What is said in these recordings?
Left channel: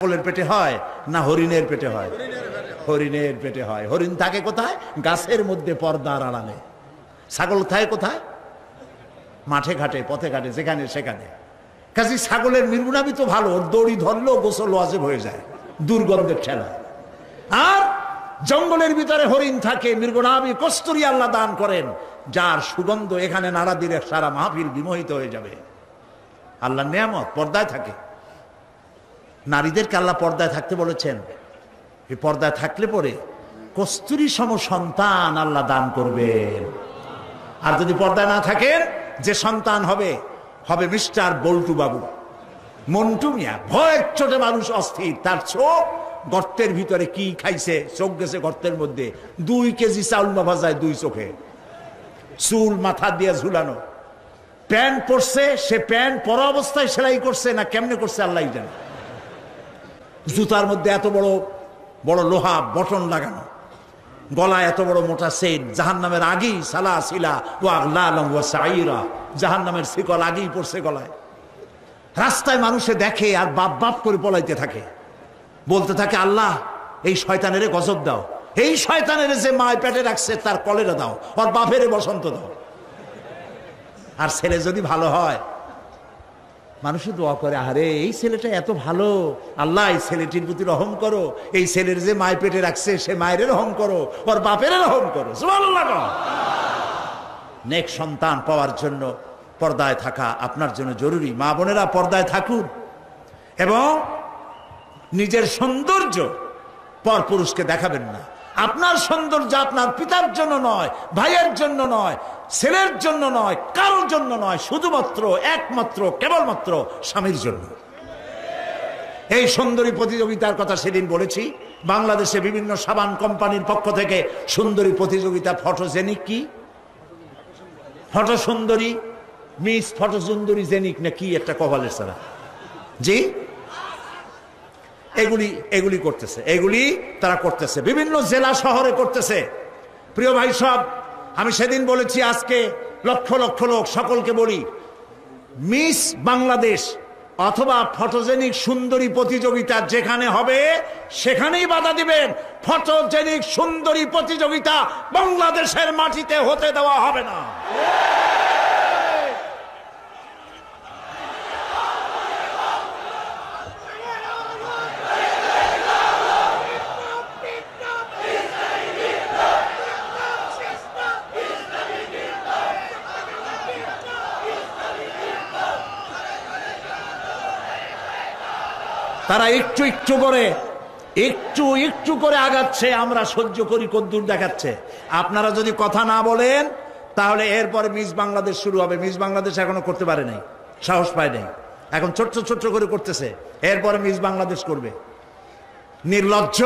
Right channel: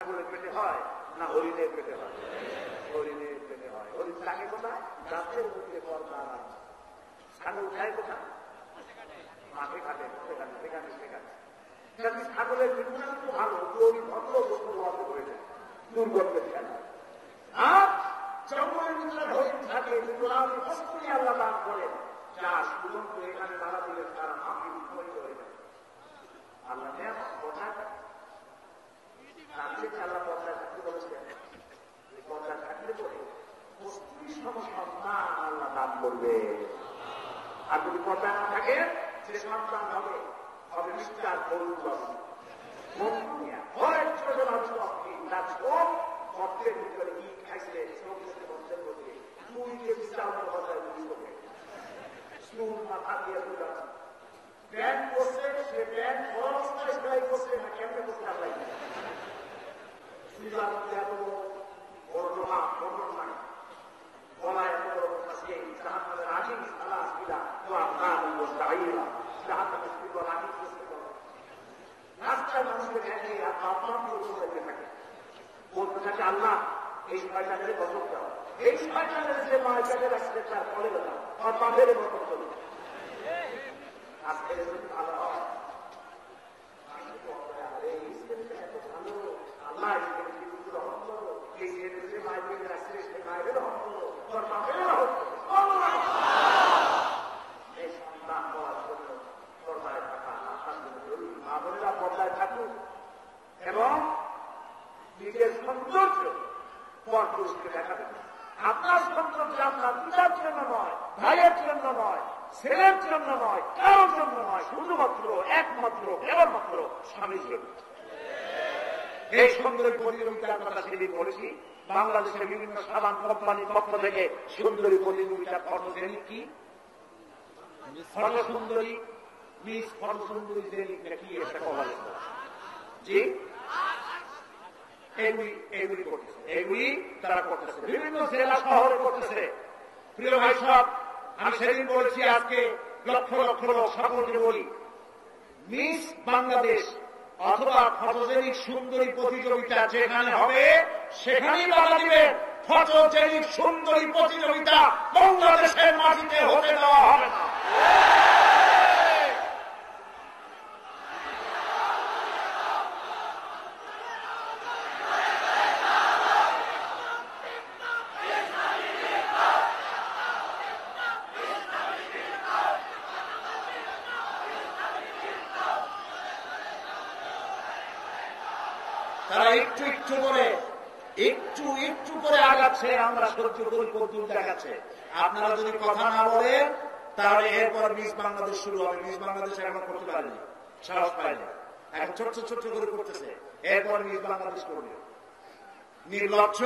ছাগলের পেটে হয় না হরিণের পেটে হয়? হরিণের পেটে হয়। হরিণ থাকে কোথায়? গাছের মধ্যে, পর্দার আড়ালে। ছাগল থাকে কোথায়? মাঠে ঘাটে, পথে ঘাটে, যেখানে সেখানে। কাজে ছাগলের মৃগনাভি তো ভালো, ওর দড়ি ধরলেও গোসল ওয়াজিব হয়ে যায়, দুর্গন্ধের ঠেলা। আর জঙ্গলের ভিতরে হরিণ থাকে, মৃগনাভি কস্তুরী আল্লাহ দান করেন, যার সুগন্ধ এখানে নাড়া দিলে সারা মাহফিল বিমোহিত হয়ে যাবে। আল্লাহর নিয়ামত পর্দায় থাকে। নারীদেরকে আল্লাহ পর্দায় থাকতে বলেছেন। এই পর্দায় থাকলে পরে কস্তুরী সম সন্তান আল্লাহ দান করবেন। আর যদি পর্দায় না থাকেন, যে সন্তান হবে হবে মিস্টার বল্টু বাবু, মন্টু মিয়া। ভয়ের চোটে মানুষ অস্থির, তার চোখ গর্তের ভিতরে কি খাইছে, চোখ গেছে গর্তের মধ্যে। 2 কেজি চাউল না ভাজায় 2 চোখে, চুল মাথা দিয়ে ঝুলানো। প্যান্ট পরছে, সে প্যান্ট পরা অবস্থায় সেলাই করছে না কেমনে করছে আল্লাহ জানে। জুতার মধ্যে এত বড় বড় লোহা বটন লাগানো, গলায় এত বড় মোটা সেন। জাহান্নামের আগেই সালা সিলা ও আগলালাম ওয়া সাইরা, জাহান্নামের শিকল আগেই পড়ছে গলায়। রাস্তায় মানুষে দেখে আর বাপ বাপ করে পলাইতে থাকে, বলতে থাকে আল্লাহ এই শয়তানের গজব দাও, এই শয়তানের যে মায় পেটে রাখছে তার কলেরা দাও, আর বাপের বসন্ত দাও। আর ছেলে যদি ভালো হয়, মানুষও দোয়া করে, আরে এই ছেলেটা এত ভালো, আল্লাহ এই ছেলেটির প্রতি রহম করো, এই ছেলের যে মায় পেটে রাখছে সে মায়ের রহম করো, ওর বাপের রহম করো। সুবহানাল্লাহ। নেক সন্তান পাওয়ার জন্য পর্দায় থাকা আপনার জন্য জরুরি। মা বোনেরা পর্দায় থাকুন এবং নিজের সৌন্দর্য পরপুরুষকে দেখাবেন না। আপনার সৌন্দর্য আপনার পিতার জন্য নয়, ভাইয়ের জন্য নয়, ছেলের জন্য নয়, কারোর জন্য নয়, শুধুমাত্র একমাত্র কেবলমাত্র স্বামীর জন্য। এই সুন্দরী প্রতিযোগিতার কথা সেদিন বলেছি। বাংলাদেশে বিভিন্ন সাবান কোম্পানির পক্ষ থেকে সুন্দরী প্রতিযোগিতা, ফটোজেনিক কি ফটো সুন্দরী, মিস ফটো সুন্দরী জেনিক না কি একটা কপালের সারা, জি এগুলি করতেছে, এগুলি তারা করতেছে, বিভিন্ন জেলা শহরে করতেছে। প্রিয় ভাই সব, আমি সেদিন বলেছি, আজকে লক্ষ লক্ষ লোক, সকলকে বলি, মিস বাংলাদেশ অথবা ফটোজেনিক সুন্দরী প্রতিযোগিতা যেখানে হবে সেখানেই বাধা দিবেন। ফটোজেনিক সুন্দরী প্রতিযোগিতা বাংলাদেশের মাটিতে হতে দেওয়া হবে না। তারা একটু একটু করে আগাচ্ছে, আমরা সহ্য করি, কদ্দূর দেখাচ্ছে। আপনারা যদি কথা না বলেন তাহলে এরপরে মিস বাংলাদেশ শুরু হবে। মিস বাংলাদেশ এখনো করতে পারে নাই, সাহস পায় নাই, এখন ছোট্ট ছোট্ট করে করতেছে। এরপরে মিস বাংলাদেশ করবে। নির্লজ্জ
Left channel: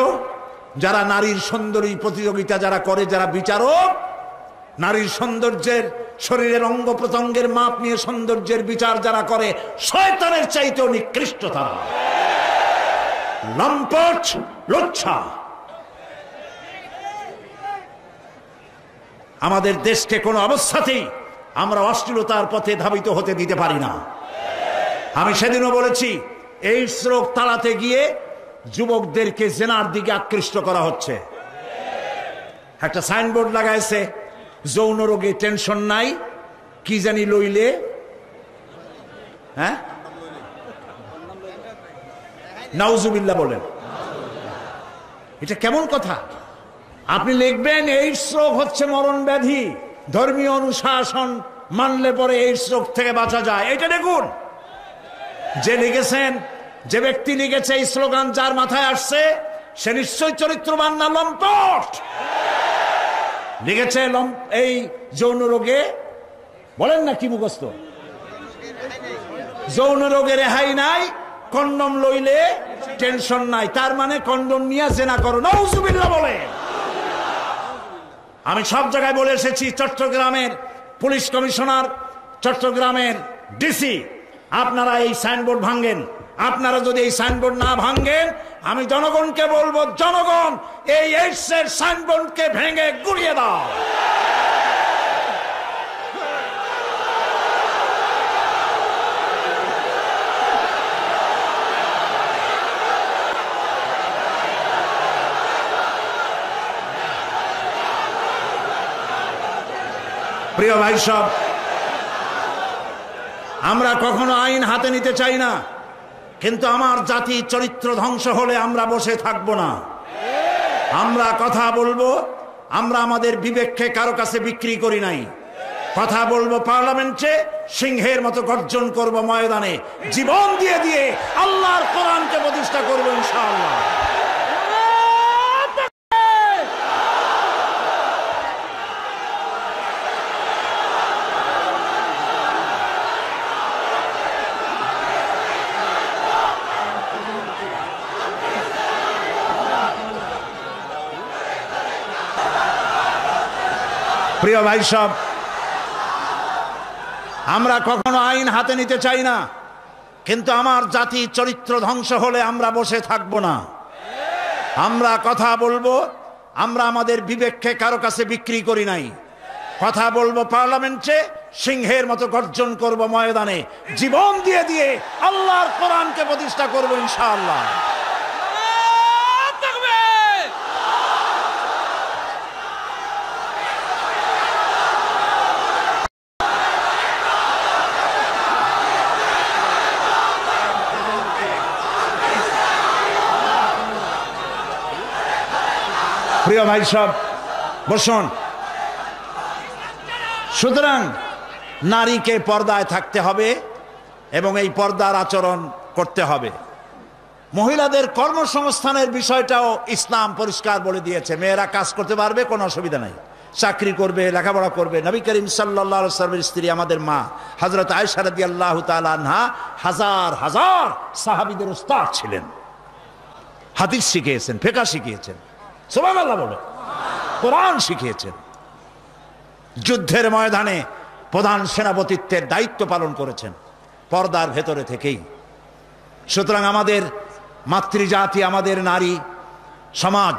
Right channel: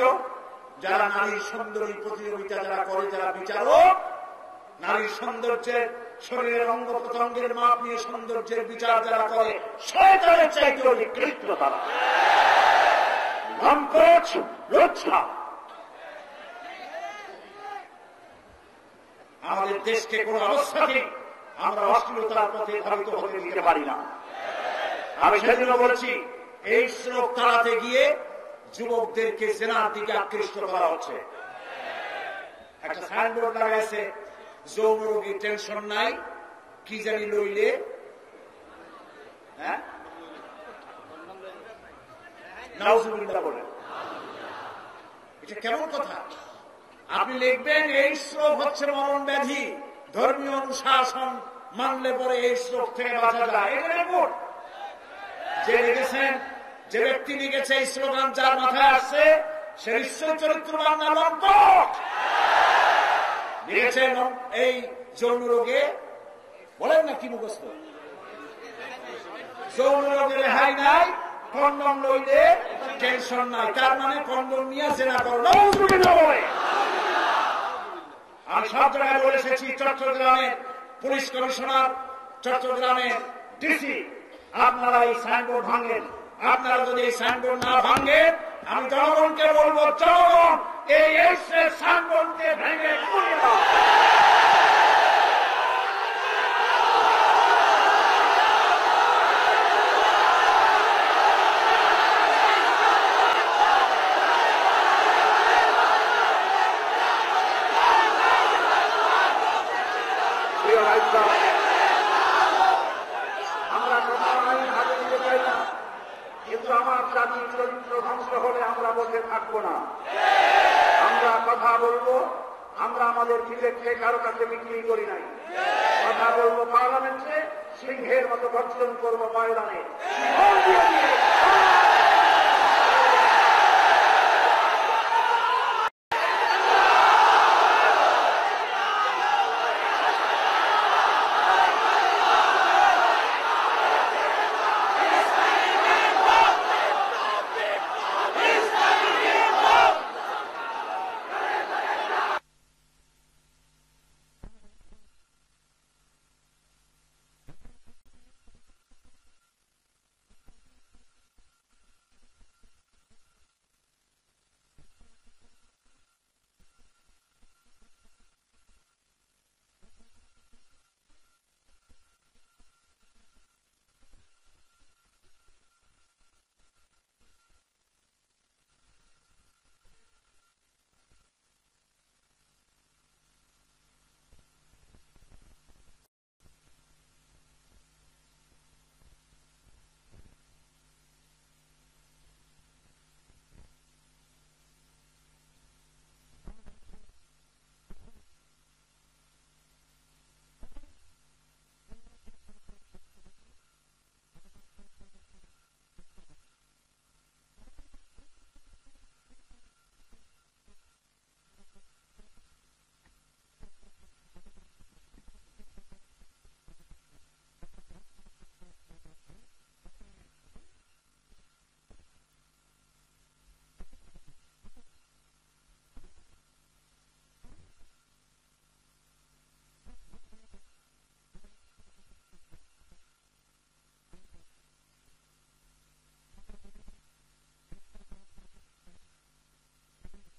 যারা নারীর সুন্দরী প্রতিযোগিতা যারা করে, যারা বিচারক, নারীর সৌন্দর্যের, শরীরের অঙ্গ প্রত্যঙ্গের মাপ নিয়ে সৌন্দর্যের বিচার যারা করে, শয়তানের চাইতেও নিকৃষ্ট তারা। লম্পট, লুচ্ছা। আমাদের দেশকে কোন অবস্থাতেই আমরা অশ্লীলতার পথে ধাবিত হতে দিতে পারি না। আমি সেদিনও বলেছি, এই রোগ তাড়াতে গিয়ে যুবকদেরকে জেনার দিকে আকৃষ্ট করা হচ্ছে। একটা সাইনবোর্ড লাগাইছে, যৌন রোগে টেনশন নাই, কি জানি লইলে, হ্যাঁ নাউজুবিল্লাহ বলেন। এটা কেমন কথা? আপনি লিখবেন এইডস রোগ হচ্ছে মরণ ব্যাধি, ধর্মীয় অনুশাসন মানলে পরে এইডস রোগ থেকে বাঁচা যায়। এটা দেখুন, যে লিখেছেন, যে ব্যক্তি লিখেছে এই স্লোগান, যার মাথায় আসছে সে নিশ্চয়ই চরিত্রবান না লম্পট। লিখেছে এই যৌন রোগে, বলেন না কি মুখস্থ, যৌন রোগে রেহাই নাই, কন্ডম লইলে টেনশন নাই, তার মানে কন্ডম নিয়ে জেনা করো। নাউজুবিল্লাহ বলে। আমি সব জায়গায় বলে এসেছি, চট্টগ্রামের পুলিশ কমিশনার, চট্টগ্রামের ডিসি, আপনারা এই সাইনবোর্ড ভাঙেন। আপনারা যদি এই সাইনবোর্ড না ভাঙেন, আমি জনগণকে বলবো, জনগণ এই এইডসের সাইনবোর্ডকে ভেঙে গুড়িয়ে দাও। প্রিয় ভাই সব, আমরা কখনো আইন হাতে নিতে চাই না, কিন্তু আমার জাতি চরিত্র ধ্বংস হলে আমরা বসে থাকব না। আমরা কথা বলবো, আমরা আমাদের বিবেককে কারো কাছে বিক্রি করি নাই। কথা বলবো পার্লামেন্টে, সিংহের মতো গর্জন করব ময়দানে, জীবন দিয়ে দিয়ে আল্লাহর কোরআনকে প্রতিষ্ঠা করব ইনশাআল্লাহ। প্রিয় ভাই সব, আমরা কখনো আইন হাতে নিতে চাই না, কিন্তু আমার জাতি চরিত্র ধ্বংস হলে আমরা বসে থাকব না। আমরা কথা বলবো, আমরা আমাদের বিবেককে কারো কাছে বিক্রি করি নাই। কথা বলবো পার্লামেন্টে, সিংহের মতো গর্জন করব ময়দানে, জীবন দিয়ে দিয়ে আল্লাহর কোরআনকে প্রতিষ্ঠা করব ইনশাআল্লাহ। প্রিয় ভাই সব, বসুন। সুতরাং নারীকে পর্দায় থাকতে হবে এবং এই পর্দার আচরণ করতে হবে। মহিলাদের কর্মসংস্থানের বিষয়টাও ইসলাম পরিষ্কার বলে দিয়েছে। মেয়েরা কাজ করতে পারবে, কোনো অসুবিধা নাই, চাকরি করবে, লেখাপড়া করবে। নবী করিম সাল্লাল্লাহু আলাইহি ওয়াসাল্লামের স্ত্রী আমাদের মা হযরত আয়েশা রাদিয়াল্লাহু তাআলা আনহা হাজার হাজার সাহাবীদের উস্তাদ ছিলেন। হাদিস শিখিয়েছেন, ফিকহ শিখিয়েছেন, সুবহানাল্লাহ বলে, কোরআন শিখিয়েছেন। যুদ্ধের ময়দানে প্রধান সেনাপতিত্বের দায়িত্ব পালন করেছেন পর্দার ভেতরে থেকেই। সুতরাং আমাদের মাতৃজাতি, আমাদের নারী সমাজ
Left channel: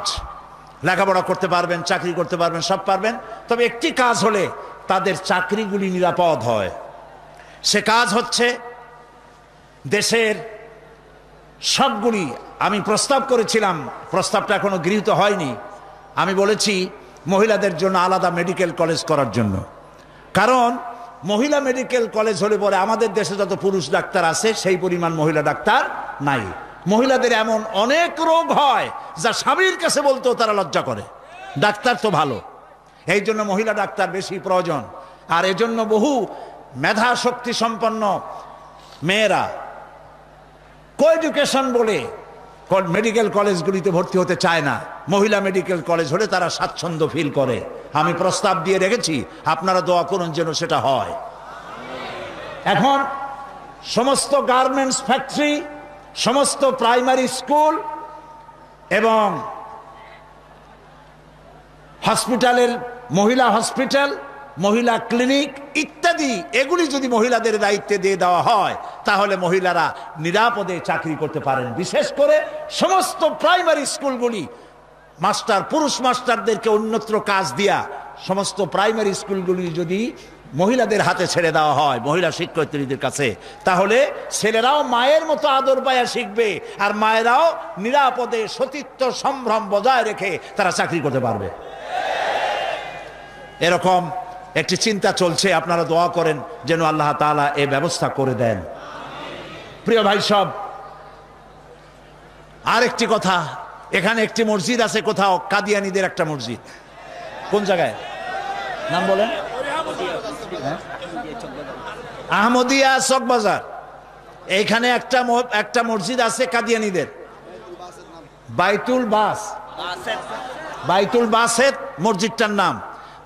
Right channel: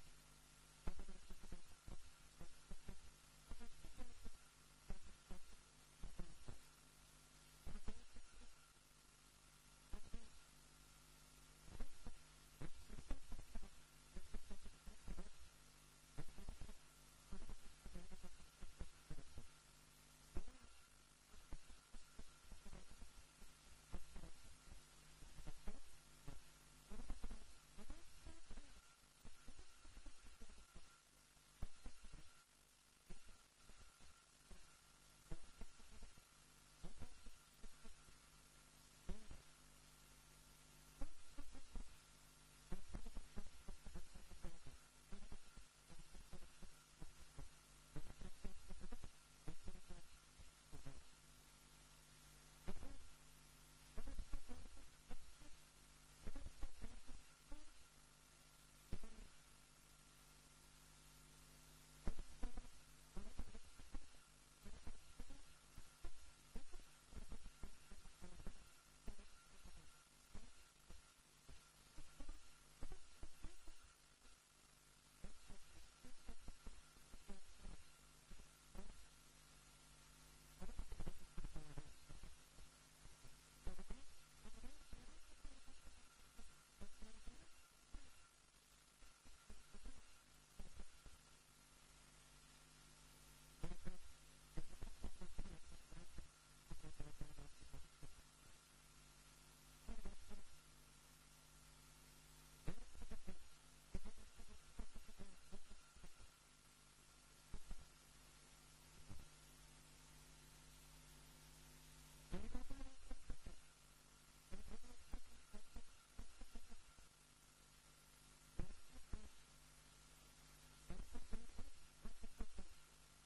লেখাপড়া করতে পারবেন, চাকরি করতে পারবেন, সব পারবেন। তবে একটি কাজ হলে তাদের চাকরিগুলি নিরাপদ হয়। সে কাজ হচ্ছে দেশের সবগুলি, আমি প্রস্তাব করেছিলাম, প্রস্তাবটা এখনো গৃহীত হয়নি। আমি বলেছি মহিলাদের জন্য আলাদা মেডিকেল কলেজ করার জন্য। কারণ মহিলা মেডিকেল কলেজ হলে পরে আমাদের দেশে যত পুরুষ ডাক্তার আছে সেই পরিমাণ মহিলা ডাক্তার নাই। মহিলাদের এমন অনেক রোগ হয় যা স্বামীর কাছে বলতেও তারা লজ্জা করে। ডাক্তার তো ভালো, এই জন্য মহিলা ডাক্তার বেশি প্রয়োজন। আর এজন্য বহু মেধা শক্তি সম্পন্ন মেয়েরা কোএডুকেশন বলে মেডিকেল কলেজগুলিতে ভর্তি হতে চায় না। মহিলা মেডিকেল কলেজ হলে তারা স্বাচ্ছন্দ্য ফিল করে। আমি প্রস্তাব দিয়ে রেখেছি, আপনারা দোয়া করুন যেন সেটা হয়। এখন সমস্ত গার্মেন্টস ফ্যাক্টরি, সমস্ত প্রাইমারি স্কুল এবং হসপিটালের মহিলা হসপিটাল, মহিলা ক্লিনিক ইত্যাদি, এগুলি যদি মহিলাদের দায়িত্বে দিয়ে দেওয়া হয় তাহলে মহিলারা নিরাপদে চাকরি করতে পারেন। বিশেষ করে সমস্ত প্রাইমারি স্কুলগুলি মাস্টার, পুরুষ মাস্টারদেরকে অন্যত্র কাজ দিয়া সমস্ত প্রাইমারি স্কুলগুলি যদি মহিলাদের হাতে ছেড়ে দেওয়া হয়, মহিলা শিক্ষয়িত্রীদের কাছে, তাহলে ছেলেরাও মায়ের মতো আদর পায়া শিখবে আর মায়েরাও নিরাপদে সতীত্ব সম্ভ্রম বজায় রেখে তারা চাকরি করতে পারবে। এরকম একটি চিন্তা চলছে, আপনারা দোয়া করেন যেন আল্লাহ তাআলা এই ব্যবস্থা করে দেন। প্রিয় ভাই সব, আরেকটি কথা, এখানে একটি মসজিদ আছে কোথাও, কাদিয়ানীদের একটা মসজিদ। কোন জায়গায় নাম বলেন? আহমদিয়া চকবাজার। এইখানে একটা মসজিদ আছে কাদিয়ানীদের, বাইতুল বাসেত মসজিদটার নাম।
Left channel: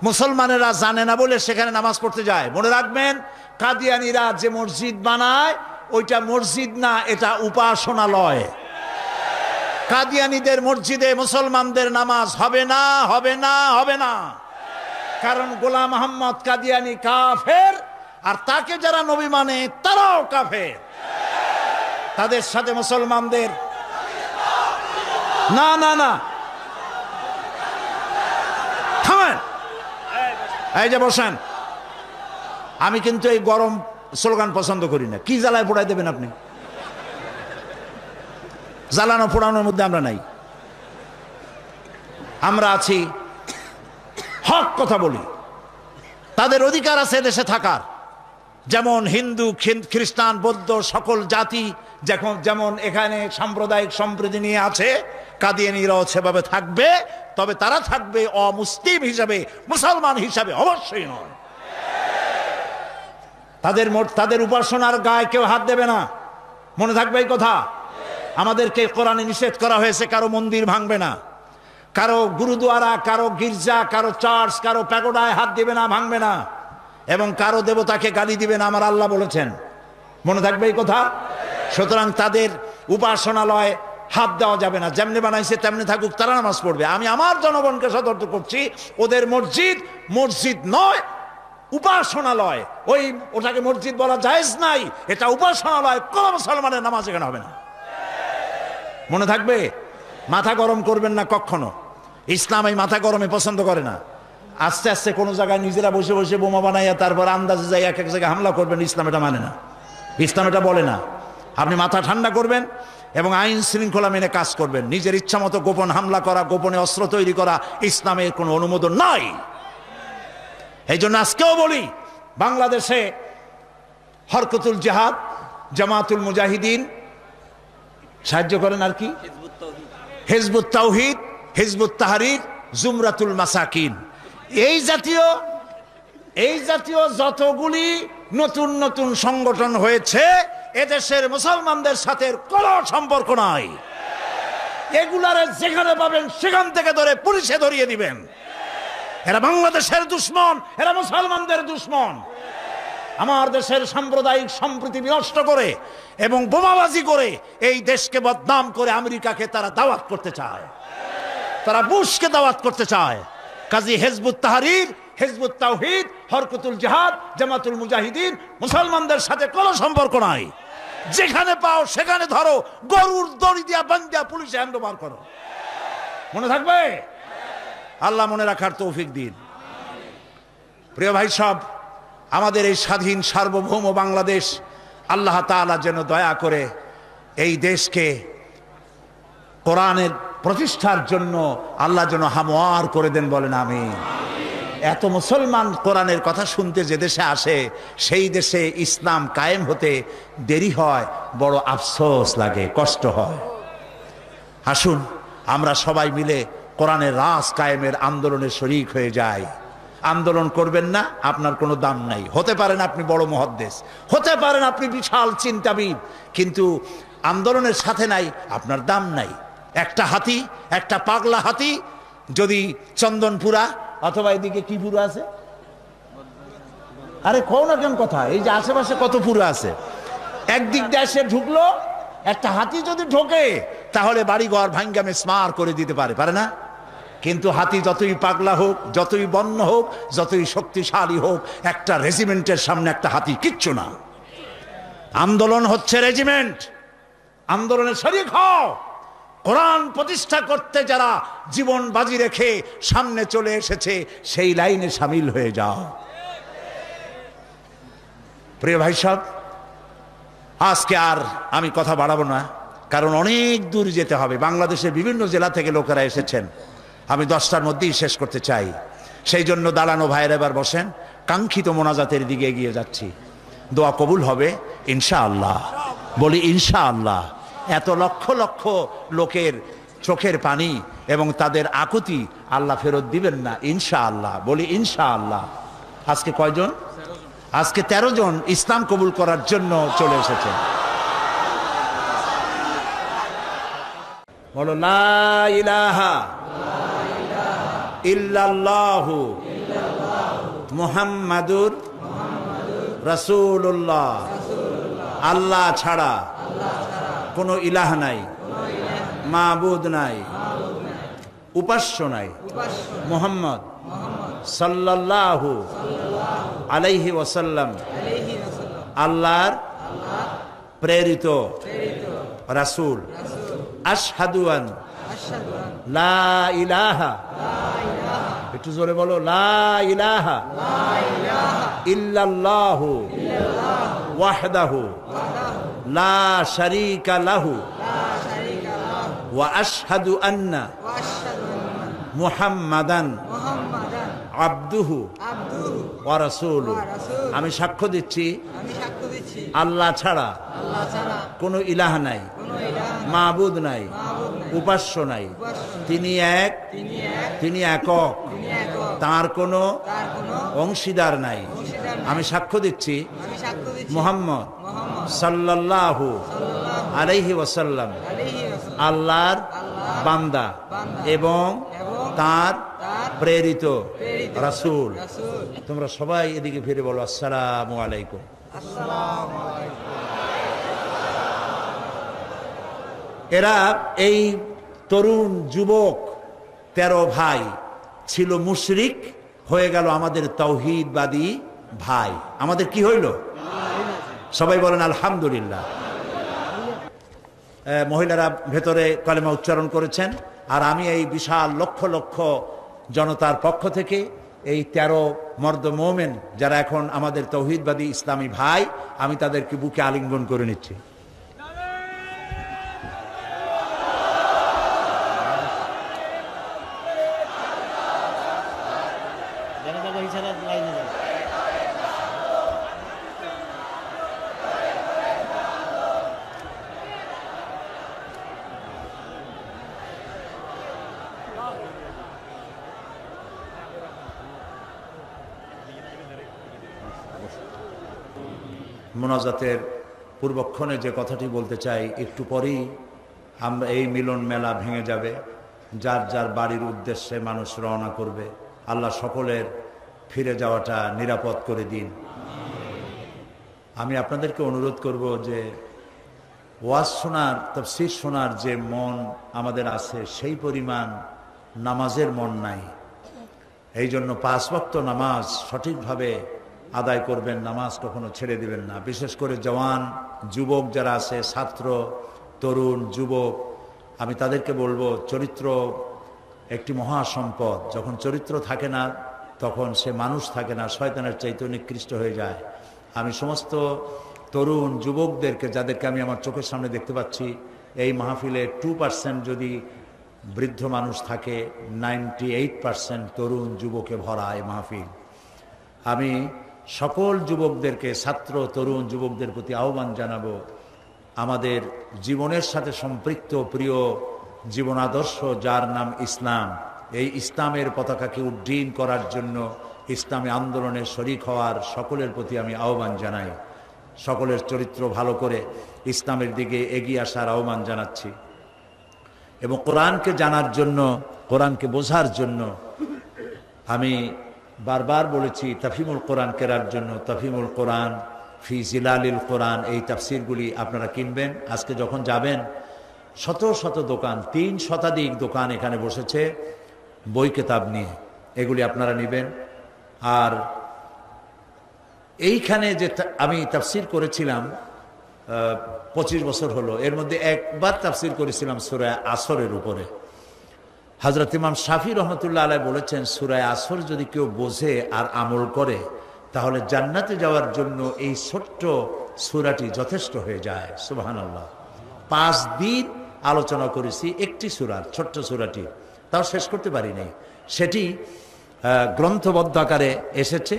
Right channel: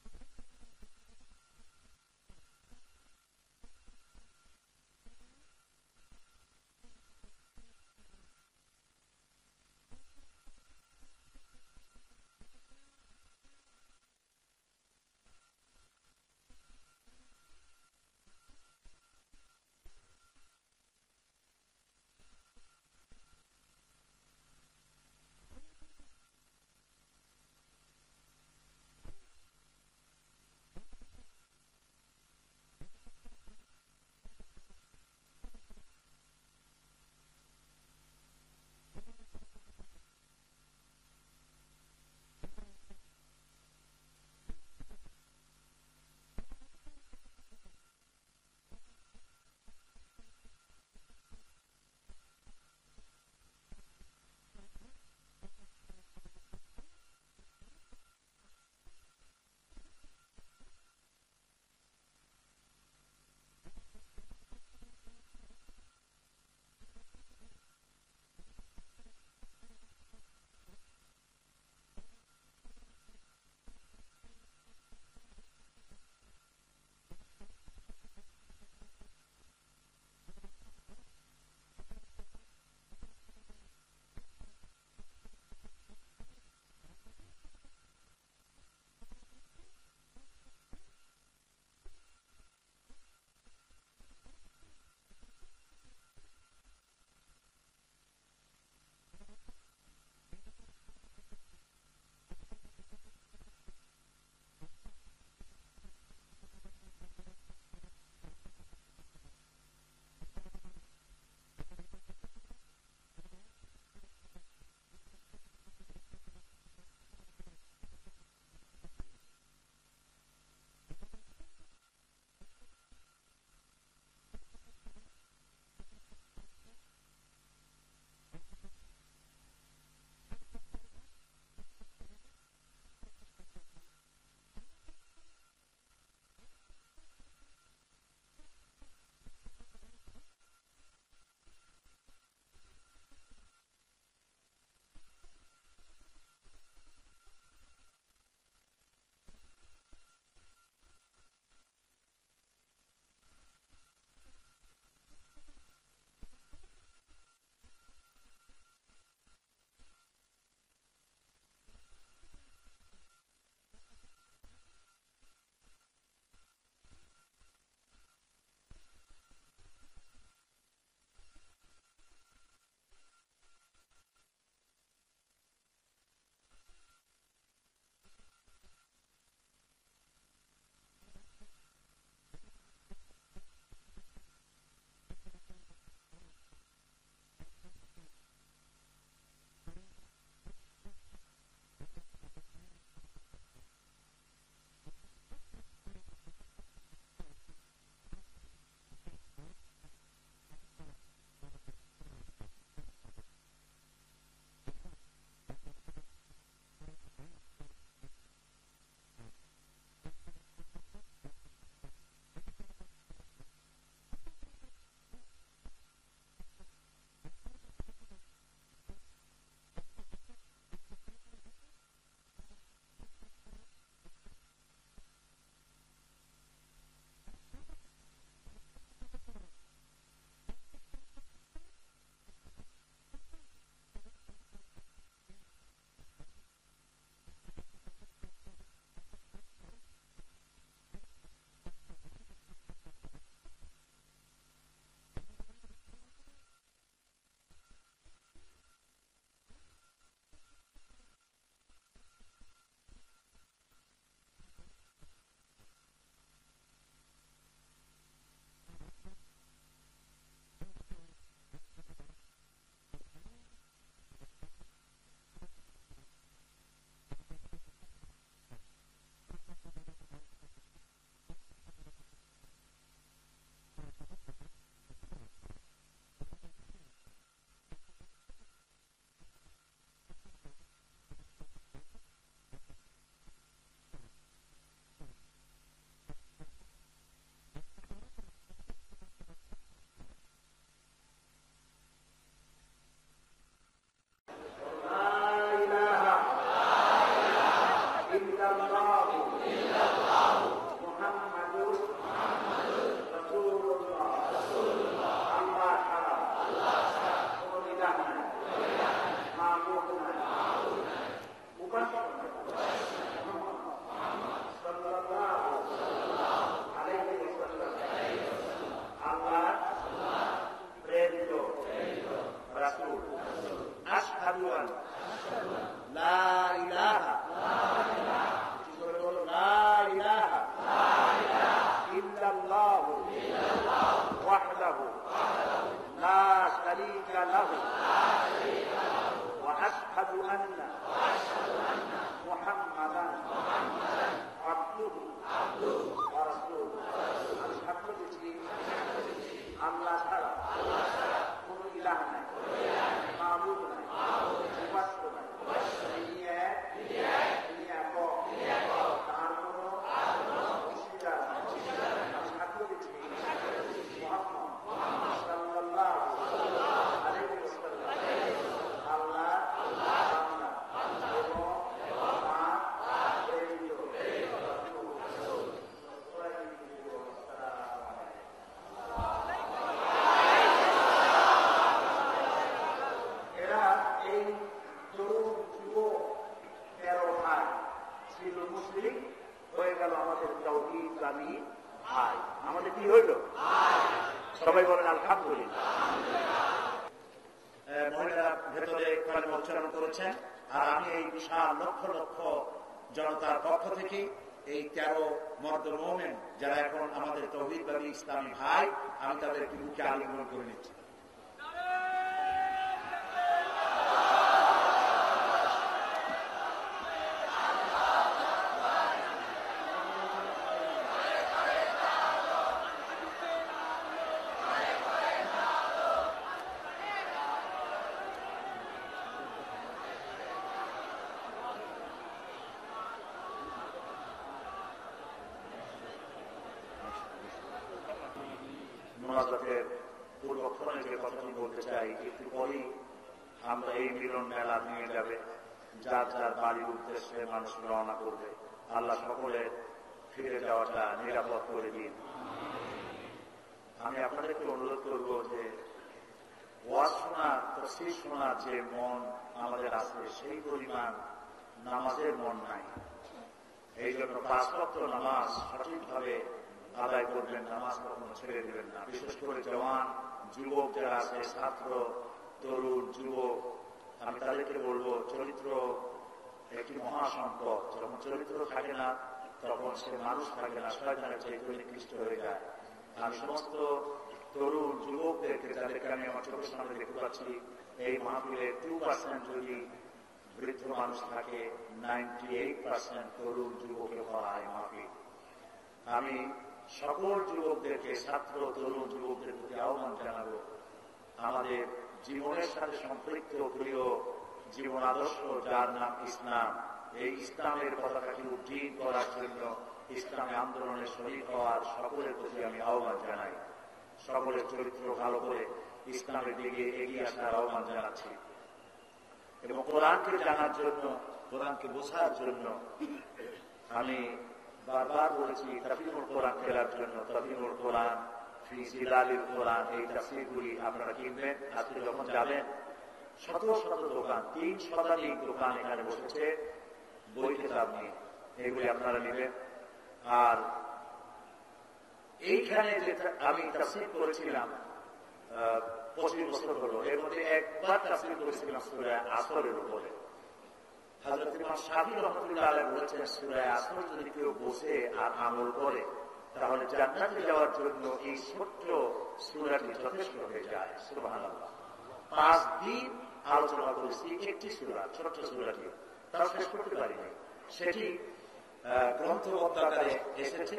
মুসলমানেরা জানে না বলে সেখানে নামাজ পড়তে যায়। মনে রাখবেন, কাদিয়ানীরা যে মসজিদ বানায় ওইটা মসজিদ না, এটা উপাসনালয়। কাদিয়ানীদের মসজিদে মুসলমানদের নামাজ হবে না, হবে না, হবে না। কারণ গোলাম মোহাম্মদ কাদিয়ানী কাফের, আর তাকে যারা নবী মানে তারাও কাফের। তাদের সাথে মুসলমানদের না না না, থামেন, এই যে বসেন। আমি কিন্তু এই গরম স্লোগান পছন্দ করি না। কি জ্বালায় পোড়াই দেবেন আপনি? জ্বালানো পোড়ানোর মধ্যে আমরা নাই। আমরা আছি, হক কথা বলি। তাদের অধিকার আছে দেশে থাকার, যেমন হিন্দু, খ্রিস্টান, বৌদ্ধ সকল জাতি যেমন এখানে সাম্প্রদায়িক সম্প্রীতি নিয়ে আছে, কাদিয়ানীরাও সেভাবে থাকবে। তবে তারা থাকবে অমুসলিম হিসাবে, মুসলমান হিসাবে অবশ্যই নয়। তাদের উপাসনার গায়ে কেউ হাত দেবে না, মনে থাকবে এই কথা। আমাদেরকে কোরআনে নিষেধ করা হয়েছে কারো মন্দির ভাঙবে না, কারো গুরুদুয়ারা, কারো গির্জা, কারো চার্চ, কারো প্যাগোডায় হাত দিবে না, ভাঙবে না, এবং কারো দেবতাকে গালি দিবে না, আমার আল্লাহ বলেছেন। মনে থাকবে এই কথা। সুতরাং তাদের উপাসনালয় হাত দেওয়া যাবে না, যেমনি বানাইছে তেমনি থাকুক, তারা নামাজ পড়বে। আমি আমার জনগণকে সতর্ক করছি, ওদের মসজিদ নয়, উপাসনালয়। ওটাকে মসজিদ বলা জায়েজ নাই, এটা উপাসনালয়। কোন মুসলমানের নামাজ এখানে হবে না, মনে থাকবে। মাথা গরম করবেন না কখনো, ইসলাম এই মাথা গরমে পছন্দ করে না। আস্তে আস্তে কোনো জায়গায় নিজেরা বসে বসে বোমা বানাইয়া তারপর আন্দাজে যাই এক জায়গায় হামলা করবেন, ইসলাম এটা মানে না, ইসলাম এটা বলে না। আপনি মাথা ঠান্ডা করবেন এবং আইন শৃঙ্খলা মেনে কাজ করবেন। নিজের ইচ্ছা মতো গোপন হামলা করা, গোপনে অস্ত্র তৈরি করা ইসলামের কোনো অনুমোদন নাই। এই জন্য আজকেও বলি, বাংলাদেশে হরকতুল জিহাদ, জামাতুল মুজাহিদিন সাহায্য করেন, আর কি হিজবুত তাওহীদ, হিজবুত তাহরীর, জুমরাতুল মাসাকিন, এই জাতীয় যতগুলি নতুন নতুন সংগঠন হয়েছে, এদেশের মুসলমানদের সাথে কোনো সম্পর্ক নাই। এগুলারে যেখানে পাবেন সেখান থেকে ধরে পুলিশে ধরিয়ে দিবেন। এরা বাংলাদেশের দুশ্মন, এরা মুসলমানদের দুশ্মন। আমার দেশের সাম্প্রদায়িক সম্প্রীতি বিনষ্ট করে এবং বোমাবাজি করে এই দেশকে বদনাম করে আমেরিকাকে তারা দাওয়াত করতে চায়, তারা বুশকে দাওয়াত করতে চায়। কাজী হিজবুত তাহরীর, হিজবুত তাওহীদ, হরকতুল জিহাদ, জামাতুল মুজাহিদিন মুসলমানদের সাথে কোনো সম্পর্ক নাই। যেখানে পাও সেখানে ধরো, গরুর দড়ি দিয়া বান্ধিয়া পুলিশে হ্যান্ডওভার করো, মনে থাকবে। আল্লাহ মনে রাখার তৌফিক দিন। প্রিয় ভাই সব, আমাদের এই স্বাধীন সার্বভৌম বাংলাদেশ, আল্লাহ তাআলা যেন দয়া করে এই দেশকে কোরআনের প্রতিষ্ঠার জন্য আল্লাহ যেন হামওয়ার করে দেন, বলেন আমিন। এত মুসলমান কোরআনের কথা শুনতে যে দেশে আসে, সেই দেশে ইসলাম কায়েম হতে দেরি হয়, বড় আফসোস লাগে, কষ্ট হয়। আসুন আমরা সবাই মিলে কোরআনের রাজ কায়েমের আন্দোলনে শরীক হয়ে যাই। আন্দোলন করবেন না, আপনার কোনো দাম নাই। হতে পারেন আপনি বড় মুহাদ্দিস, হতে পারেন আপনি বিশাল চিন্তাবিদ, কিন্তু আন্দোলনের সাথে নাই, আপনার দাম নাই। একটা হাতি, একটা পাগলা হাতি যদি চন্দনপুরা অথবা এদিকে কি পুরো আছে, আরে কও না কেন কথা, এই যে আশেপাশে কত পুরো আছে, একদিক দিয়ে এসে ঢুকলো, একটা হাতি যদি ঢোকে তাহলে বাড়িঘর ভাঙ্গা মেসমার করে দিতে পারে না? কিন্তু হাতি যতই পাগলা হোক, যতই বন্য হোক, যতই শক্তিশালী হোক, একটা রেজিমেন্টের সামনে একটা হাতি কিচ্ছু না। আন্দোলন হচ্ছে রেজিমেন্ট, আন্দোলনে শরীক হও। কোরআন প্রতিষ্ঠা করতে যারা জীবন বাজি রেখে সামনে চলে এসেছে, সেই লাইনে সামিল হয়ে যাও। প্রিয় ভাই সব, আজকে আর আমি কথা বাড়াবো না, কারণ অনেক দূর যেতে হবে। বাংলাদেশের বিভিন্ন জেলা থেকে লোকেরা এসেছেন, আমি 10টার মধ্যেই শেষ করতে চাই। সেই জন্য দালানো ভাইয়ের এবার বসেন, কাঙ্ক্ষিত মোনাজাতের দিকে এগিয়ে যাচ্ছি। দোয়া কবুল হবে ইনশাআল্লাহ, বলি ইনশাআল্লাহ। এত লক্ষ লক্ষ লোকের চোখের পানি এবং তাদের আকুতি আল্লাহ ফেরত দিবেন না ইনশাআল্লাহ, বলি ইনশাআল্লাহ। আজকে কয়জন? আজকে 13 জন ইসলাম কবুল করার জন্য চলে এসেছেন। বলো লা ইলাহা ইল্লাল্লাহু মুহাম্মাদুর রাসূলুল্লাহ। আল্লাহ ছাড়া কোনো ইলাহ নাই, মাবুদ নাই, উপাস্য নাই। মুহাম্মদ সাল্লাল্লাহু আলাইহি ওয়াসাল্লাম আল্লাহর প্রেরিত রাসূল। আশহাদু আন লা ইলাহা, একটু জোরে বলো, লা ইলাহা ইল্লাল্লাহু ওয়াহদাহু লা শারীকা লাহু ওয়া আশহাদু আন্না মুহাম্মাদান আবদুহু ওয়া রাসূলুহু, আমি সাক্ষ্য দিচ্ছি আল্লাহ ছাড়া কোনো ইলাহ নাই, মাবুদ নাই, উপাস্য নাই, তিনি এক, তিনি একক, তার কোনো অংশীদার নাই। আমি সাক্ষ্য দিচ্ছি মুহাম্মদ সাল্লাল্লাহু আলাইহি ওয়াসাল্লাম আল্লাহর বান্দা এবং তার প্রেরিত রাসূল। তোমরা সবাই এদিকে ফিরে বলো আসসালামু আলাইকুম। এরা এই তরুণ যুবক 13 ভাই ছিল মুশরিক, হয়ে গেল আমাদের তাওহীদবাদী ভাই। আমাদের কি হইল? সবাই বলেন আলহামদুলিল্লাহ। মহিলারা ভেতরে কালেমা উচ্চারণ করেছেন, আর আমি এই বিশাল লক্ষ লক্ষ জনতার পক্ষ থেকে এই 13 মর্দ মোমেন যারা এখন আমাদের তাওহীদবাদী ইসলামী ভাই, আমি তাদেরকে বুকে আলিঙ্গন করে নিচ্ছি। মোনাজাতের পূর্বক্ষণে যে কথাটি বলতে চাই, একটু পরেই আমরা এই মিলন মেলা ভেঙে যাবে, যার যার বাড়ির উদ্দেশ্যে মানুষ রওনা করবে। আল্লাহ সকলের ফিরে যাওয়াটা নিরাপদ করে দিন। আমি আপনাদেরকে অনুরোধ করব যে ওয়াজ শোনার, তাফসীর শোনার যে মন আমাদের আছে, সেই পরিমাণ নামাজের মন নাই। এই জন্য 5 ওয়াক্ত নামাজ সঠিকভাবে আদায় করবেন, নামাজ কখনো ছেড়ে দিবেন না। বিশেষ করে জওয়ান যুবক যারা আছে, ছাত্র, তরুণ, যুবক, আমি তাদেরকে বলবো চরিত্র একটি মহা সম্পদ। যখন চরিত্র থাকে না তখন সে মানুষ থাকে না, শয়তানের চাইতে নিকৃষ্ট হয়ে যায়। আমি সমস্ত তরুণ যুবকদেরকে, যাদেরকে আমি আমার চোখের সামনে দেখতে পাচ্ছি, এই মাহফিলে 2% যদি বৃদ্ধ মানুষ থাকে, 98% তরুণ যুবকে ভরা এই মাহফিল। আমি সকল যুবকদেরকে, ছাত্র তরুণ যুবকদের প্রতি আহ্বান জানাবো, আমাদের জীবনের সাথে সম্পৃক্ত প্রিয় জীবন আদর্শ যার নাম ইসলাম, এই ইসলামের পতাকাকে উড্ডীন করার জন্য ইসলামী আন্দোলনে শরিক হওয়ার সকলের প্রতি আমি আহ্বান জানাই। সকলের চরিত্র ভালো করে ইসলামের দিকে এগিয়ে আসার আহ্বান জানাচ্ছি। এবং কোরআনকে জানার জন্য, কোরআনকে বোঝার জন্য আমি বারবার বলেছি তাফহিমুল কোরআন কেরার জন্য তাফহিমুল কোরআন, ফি জিলালিল কোরআন, এই তাফসিরগুলি আপনারা কিনবেন। আজকে যখন যাবেন, শত শত দোকান, 3 শতাধিক দোকান এখানে বসেছে বই কেতাব নিয়ে, এগুলি আপনারা নেবেন। আর এইখানে যে আমি তাফসির করেছিলাম 25 বছর হলো, এর মধ্যে একবার তাফসির করেছিলাম সূরা আসরের উপরে। হযরত ইমাম শাফি রহমতুল্লাহ আলাইহি বলেছেন, সূরা আসর যদি কেউ বোঝে আর আমল করে, তাহলে জান্নাতে যাওয়ার জন্য এই ছোট্ট সূরাটি যথেষ্ট হয়ে যায়। সুবহানাল্লাহ। 5 দিন আলোচনা করেছি একটি সূরার, ছোট্ট সূরাটি, তাও শেষ করতে পারিনি। সেটি গ্রন্থবদ্ধ আকারে এসেছে,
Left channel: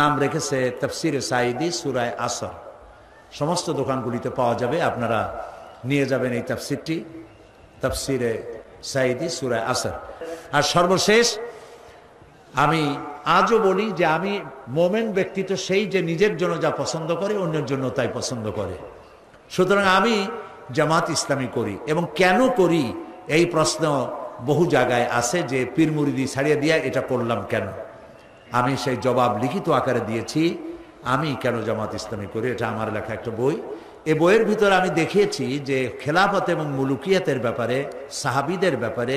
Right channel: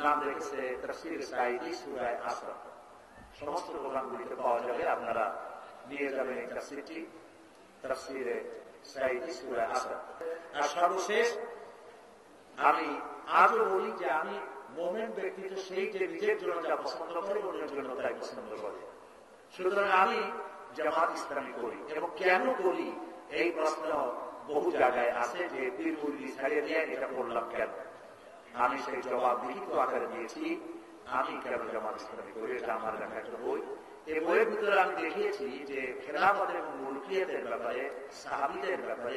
নাম রেখেছে তাফসিরে সাঈদী সূরা আসর। সমস্ত দোকানগুলিতে পাওয়া যাবে, আপনারা নিয়ে যাবেন এই তাফসিরটি, তাফসিরে সাঈদী সূরা আসর। আর সর্বশেষ আমি আজও বলি যে আমি মোমেন ব্যক্তি তো সেই যে নিজের জন্য যা পছন্দ করে অন্যের জন্য তাই পছন্দ করে। সুতরাং আমি জামাত ইসলামী করি, এবং কেন করি এই প্রশ্ন বহু জায়গায় আছে যে পীর মুরিদি ছাড়িয়ে দিয়ে এটা করলাম কেন। আমি সেই জবাব লিখিত আকারে দিয়েছি, আমি কেন জামাত ইসলামী করি। এটা আমার লেখা একটা বই। এই বইয়ের ভিতরে আমি দেখিয়েছি যে খেলাফত এবং মুলুকিয়াতের ব্যাপারে, সাহাবীদের ব্যাপারে,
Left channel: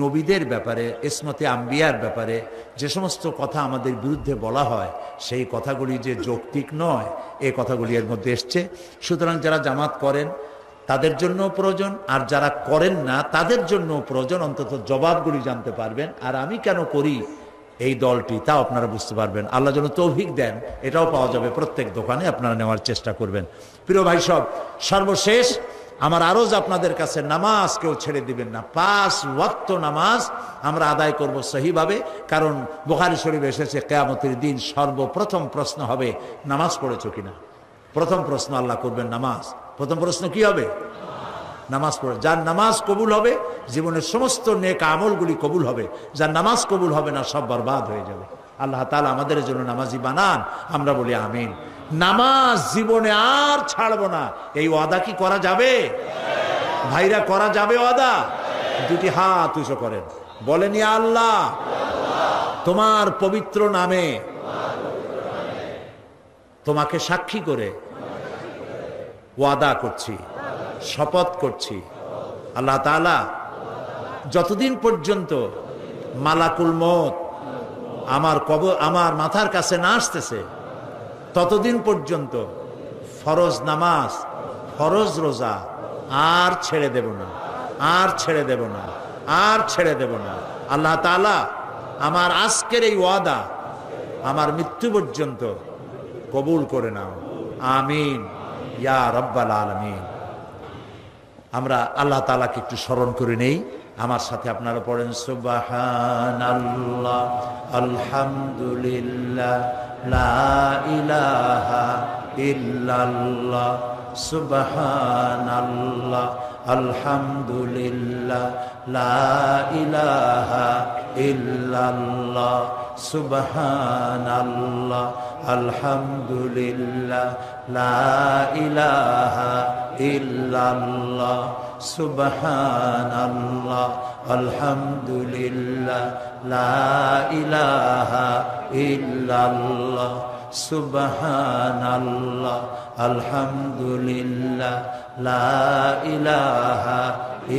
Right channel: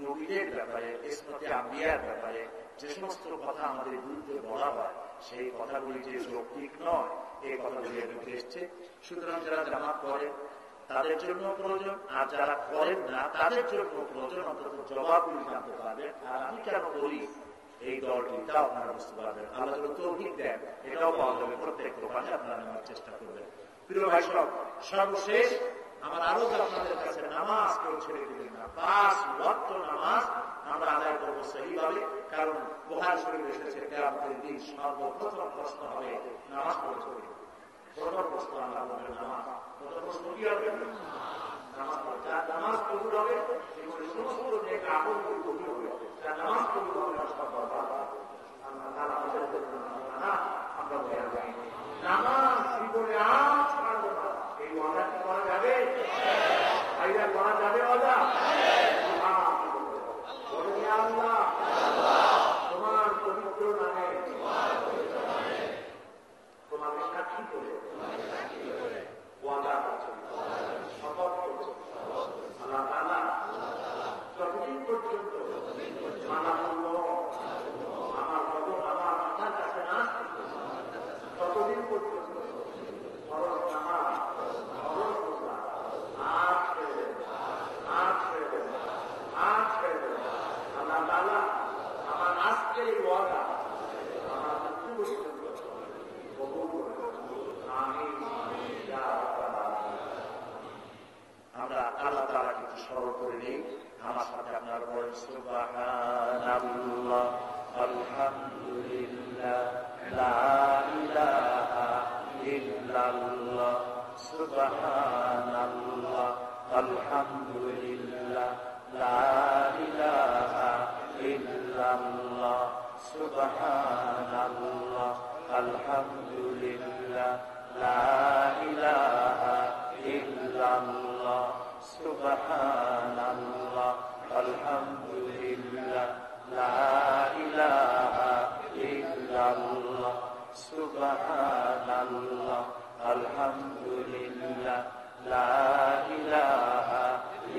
নবীদের ব্যাপারে, ইসমতে আম্বিয়ার ব্যাপারে যে সমস্ত কথা আমাদের বিরুদ্ধে বলা হয়, সেই কথাগুলি যে যৌক্তিক নয়, এই কথাগুলি এর মধ্যে এসছে। সুতরাং যারা জামাত করেন তাদের জন্য প্রয়োজন, আর যারা করেন না তাদের জন্য প্রয়োজন, অন্তত জবাবগুলি জানতে পারবেন। আর আমি কেন করি এই দলটি, তাও আপনারা বুঝতে পারবেন। আল্লাহ যেন তৌফিক দেন, এটাও পাওয়া যাবে প্রত্যেক দোকানে, আপনারা নেওয়ার চেষ্টা করবেন। প্রিয় ভাই সব, সর্বশেষ আমার আরজ আপনাদের কাছে, নামাজ কেউ ছেড়ে দিবেন না। 5 ওয়াক্ত নামাজ আমরা আদায় করব সহিভাবে। কারণ বুখারী শরীফে এসেছে কিয়ামতের দিন সর্বপ্রথম প্রশ্ন হবে নামাজ পড়েছো কিনা। প্রথম প্রশ্ন আল্লাহ করবেন নামাজ। প্রথম প্রশ্ন কি হবে? নামাজ পড়ে। যার নামাজ কবুল হবে জীবনের সমস্ত নেক আমলগুলি কবুল হবে, যার নামাজ কবুল হবে না সব বরবাদ হয়ে যাবে। আল্লাহ তাআলা আমাদের জন্য নামাজি বানান, আমরা বলি আমিন। নামাজ জীবনে আর ছাড়বো না, এই ওয়াদা কি করা যাবে ভাইরা? করা যাবে ওয়াদা? দুটি হাত উঁচু করেন, বলেন ইয়া আল্লাহ তোমার পবিত্র নামে তোমাকে সাক্ষী করে ওয়াদা করছি, শপথ করছি, আল্লাহ তাআলা যতদিন পর্যন্ত মালাকুল মউত আমার মাথার কাছে না আসতেছে ততদিন পর্যন্ত ফরজ নামাজ, ফরজ রোজা আর ছেড়ে দেব না, আর ছেড়ে দেব না, আর ছেড়ে দেব না। আল্লাহ তাআলা আমার আজকের এই ওয়াদা আমার মৃত্যু পর্যন্ত কবুল করে নাও, আমিন ইয়া রাব্বাল আলামিন। আমরা আল্লাহ তাআলাকে একটু স্মরণ করে নেই, আমার সাথে আপনারা পড়েন সুবহানাল্লাহ আলহামদুলিল্লাহ লা ইলাহা ইল্লাল্লাহ সুবহানাল্লাহ আলহামদুলিল্লাহ লা ইলাহা ইল্লাল্লাহ সুবহানাল্লাহ আলহামদুলিল্লাহ লা ইলাহা ইল্লাল্লাহ সুবহানাল্লাহ আলহামদুলিল্লাহ লা ইলাহা ইল্লাল্লাহ সুবহানাল্লাহ আলহামদুলিল্লাহ লা ইলাহা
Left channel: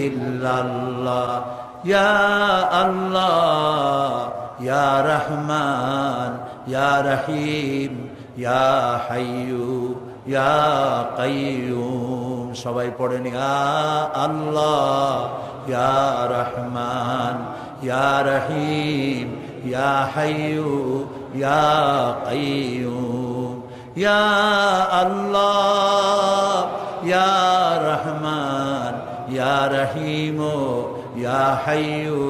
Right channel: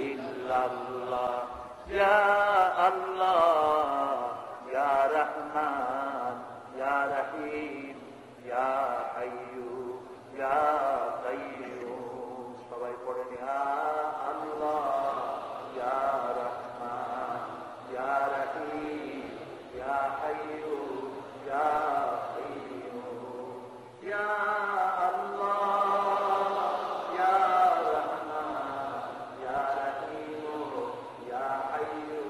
ইল্লাল্লাহ। ইয়া আল্লাহ ইয়া রহমান ইয়া রহিম ইয়া হাইয়ু ইয়া কাইয়ুম। সবাই পড়েন ইয়া আল্লাহ ইয়া রহমান ইয়া রহিম ইয়া হাইয়ু ইয়া কাইয়ুম। ইয়া আল্লাহ ইয়া রহমান ইয়া রহিম ইয়া হাইয়ু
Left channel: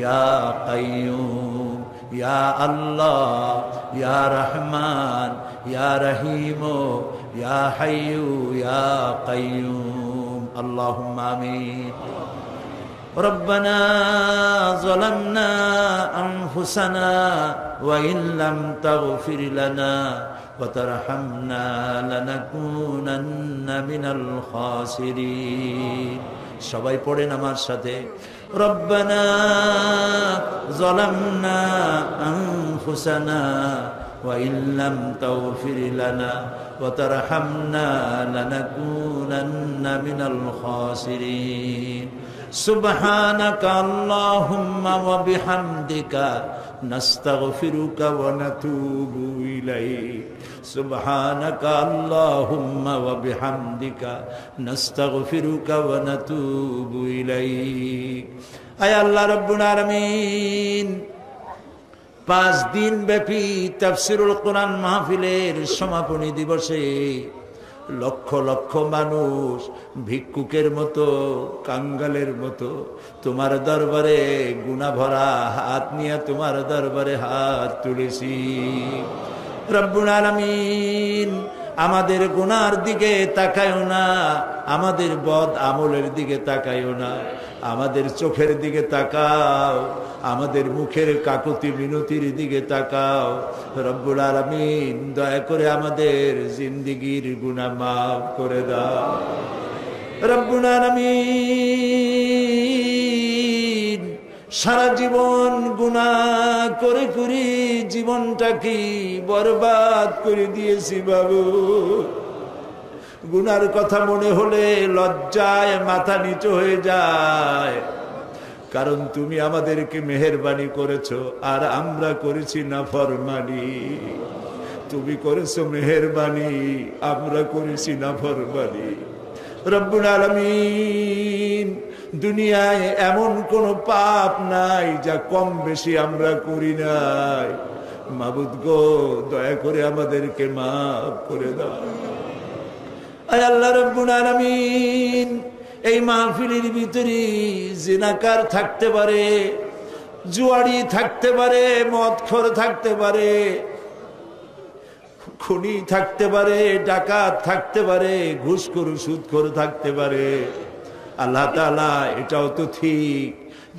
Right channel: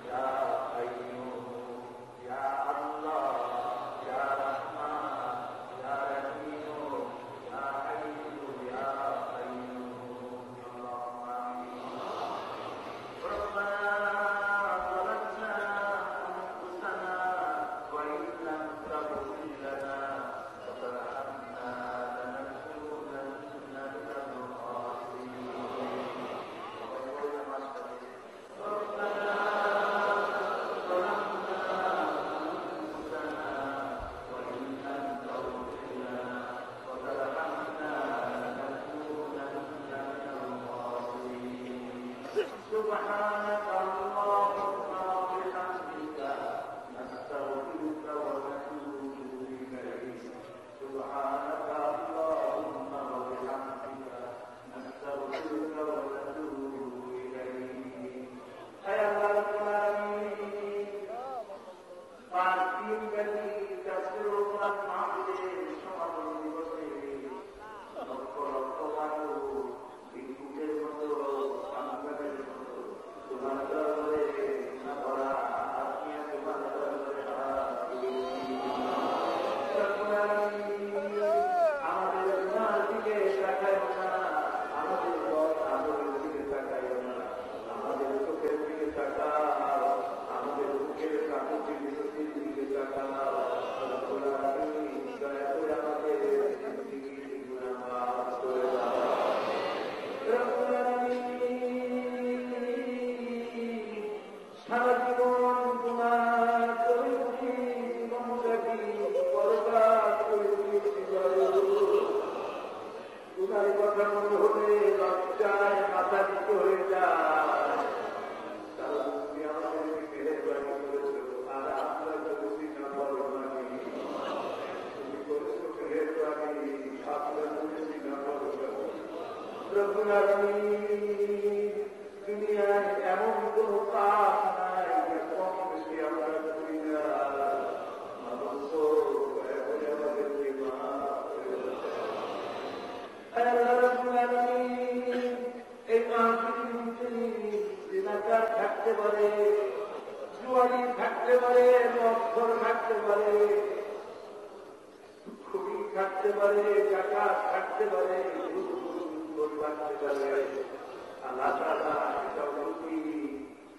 ইয়া কাইয়ুম। ইয়া আল্লাহ ইয়া রহমান ইয়া রহিম ইয়া হাইয়ু ইয়া কাইয়ুম। আল্লাহুম্মা আমিন। ربنا ظلمنا أنفسنا وإن لم تغفر لنا وترحمنا لنكونن من الخاسرين। সবাই পড়েন আমার সাথে, ربنا ظلمنا أنفسنا وإن لم تغفر لنا وترحمنا لنكونن من الخاسرين। سبحانك اللهم وبحمدك نستغفرك ونتوب إليك। سبحانك اللهم وبحمدك نستغفرك ونتوب إليك। আয় আল্লাহ রাব্বুল আলামিন, 5 দিন ব্যাপী তাফসীরুল কোরআন মাহফিলের সমাপনী দিবসে লক্ষ লক্ষ মানুষ ভিক্ষুকের মতো, কাঙ্গালের মতো তোমার দরবারে গুনাহ ভরা হাত নিয়ে তোমার দরবারে হাত তুলেছি। রব্বুল আলামিন, আমাদের গুনার দিকে তাকায়ও না, আমাদের বদ আমলের দিকে তাকায়ও না, আমাদের চোখের দিকে তাকাও, আমাদের মুখের কাকুতি মিনতির দিকে তাকাও। রব্বুল আলামিন, দয়া করে আমাদের জিন্দেগীর গুনাহ মাফ করে দাও। রব্বুল আলামিন, সারা জীবন গুনাহ করে করে জীবনটাকে বরবাদ করে দিয়েছি বাবু। গুনার কথা মনে হলে লজ্জায় মাথা নিচু হয়ে যায়, কারণ তুমি আমাদেরকে মেহেরবানি করেছো আর আমরা করেছি নাফরমানি। তুমি করেছো মেহেরবানি, আমরা করেছি নাফরমানি। রব্বুল আলামিন, দুনিয়ায় এমন কোন পাপ নাই যা কম বেশি আমরা করি নাই। মাবুদ গো, দয়া করে আমাদেরকে মাফ করে দাও। আয় আল্লাহ রাব্বুল আলামিন, এই মাহফিলের ভিতরে জিনাকার থাকতে পারে, জুয়ারি থাকতে পারে, মদখোর থাকতে পারে, খুনি থাকতে পারে, ডাকাত থাকতে পারে, ঘুষখোর সুদখোর থাকতে পারে। আল্লাহ তাআলা এটাও তো ঠিক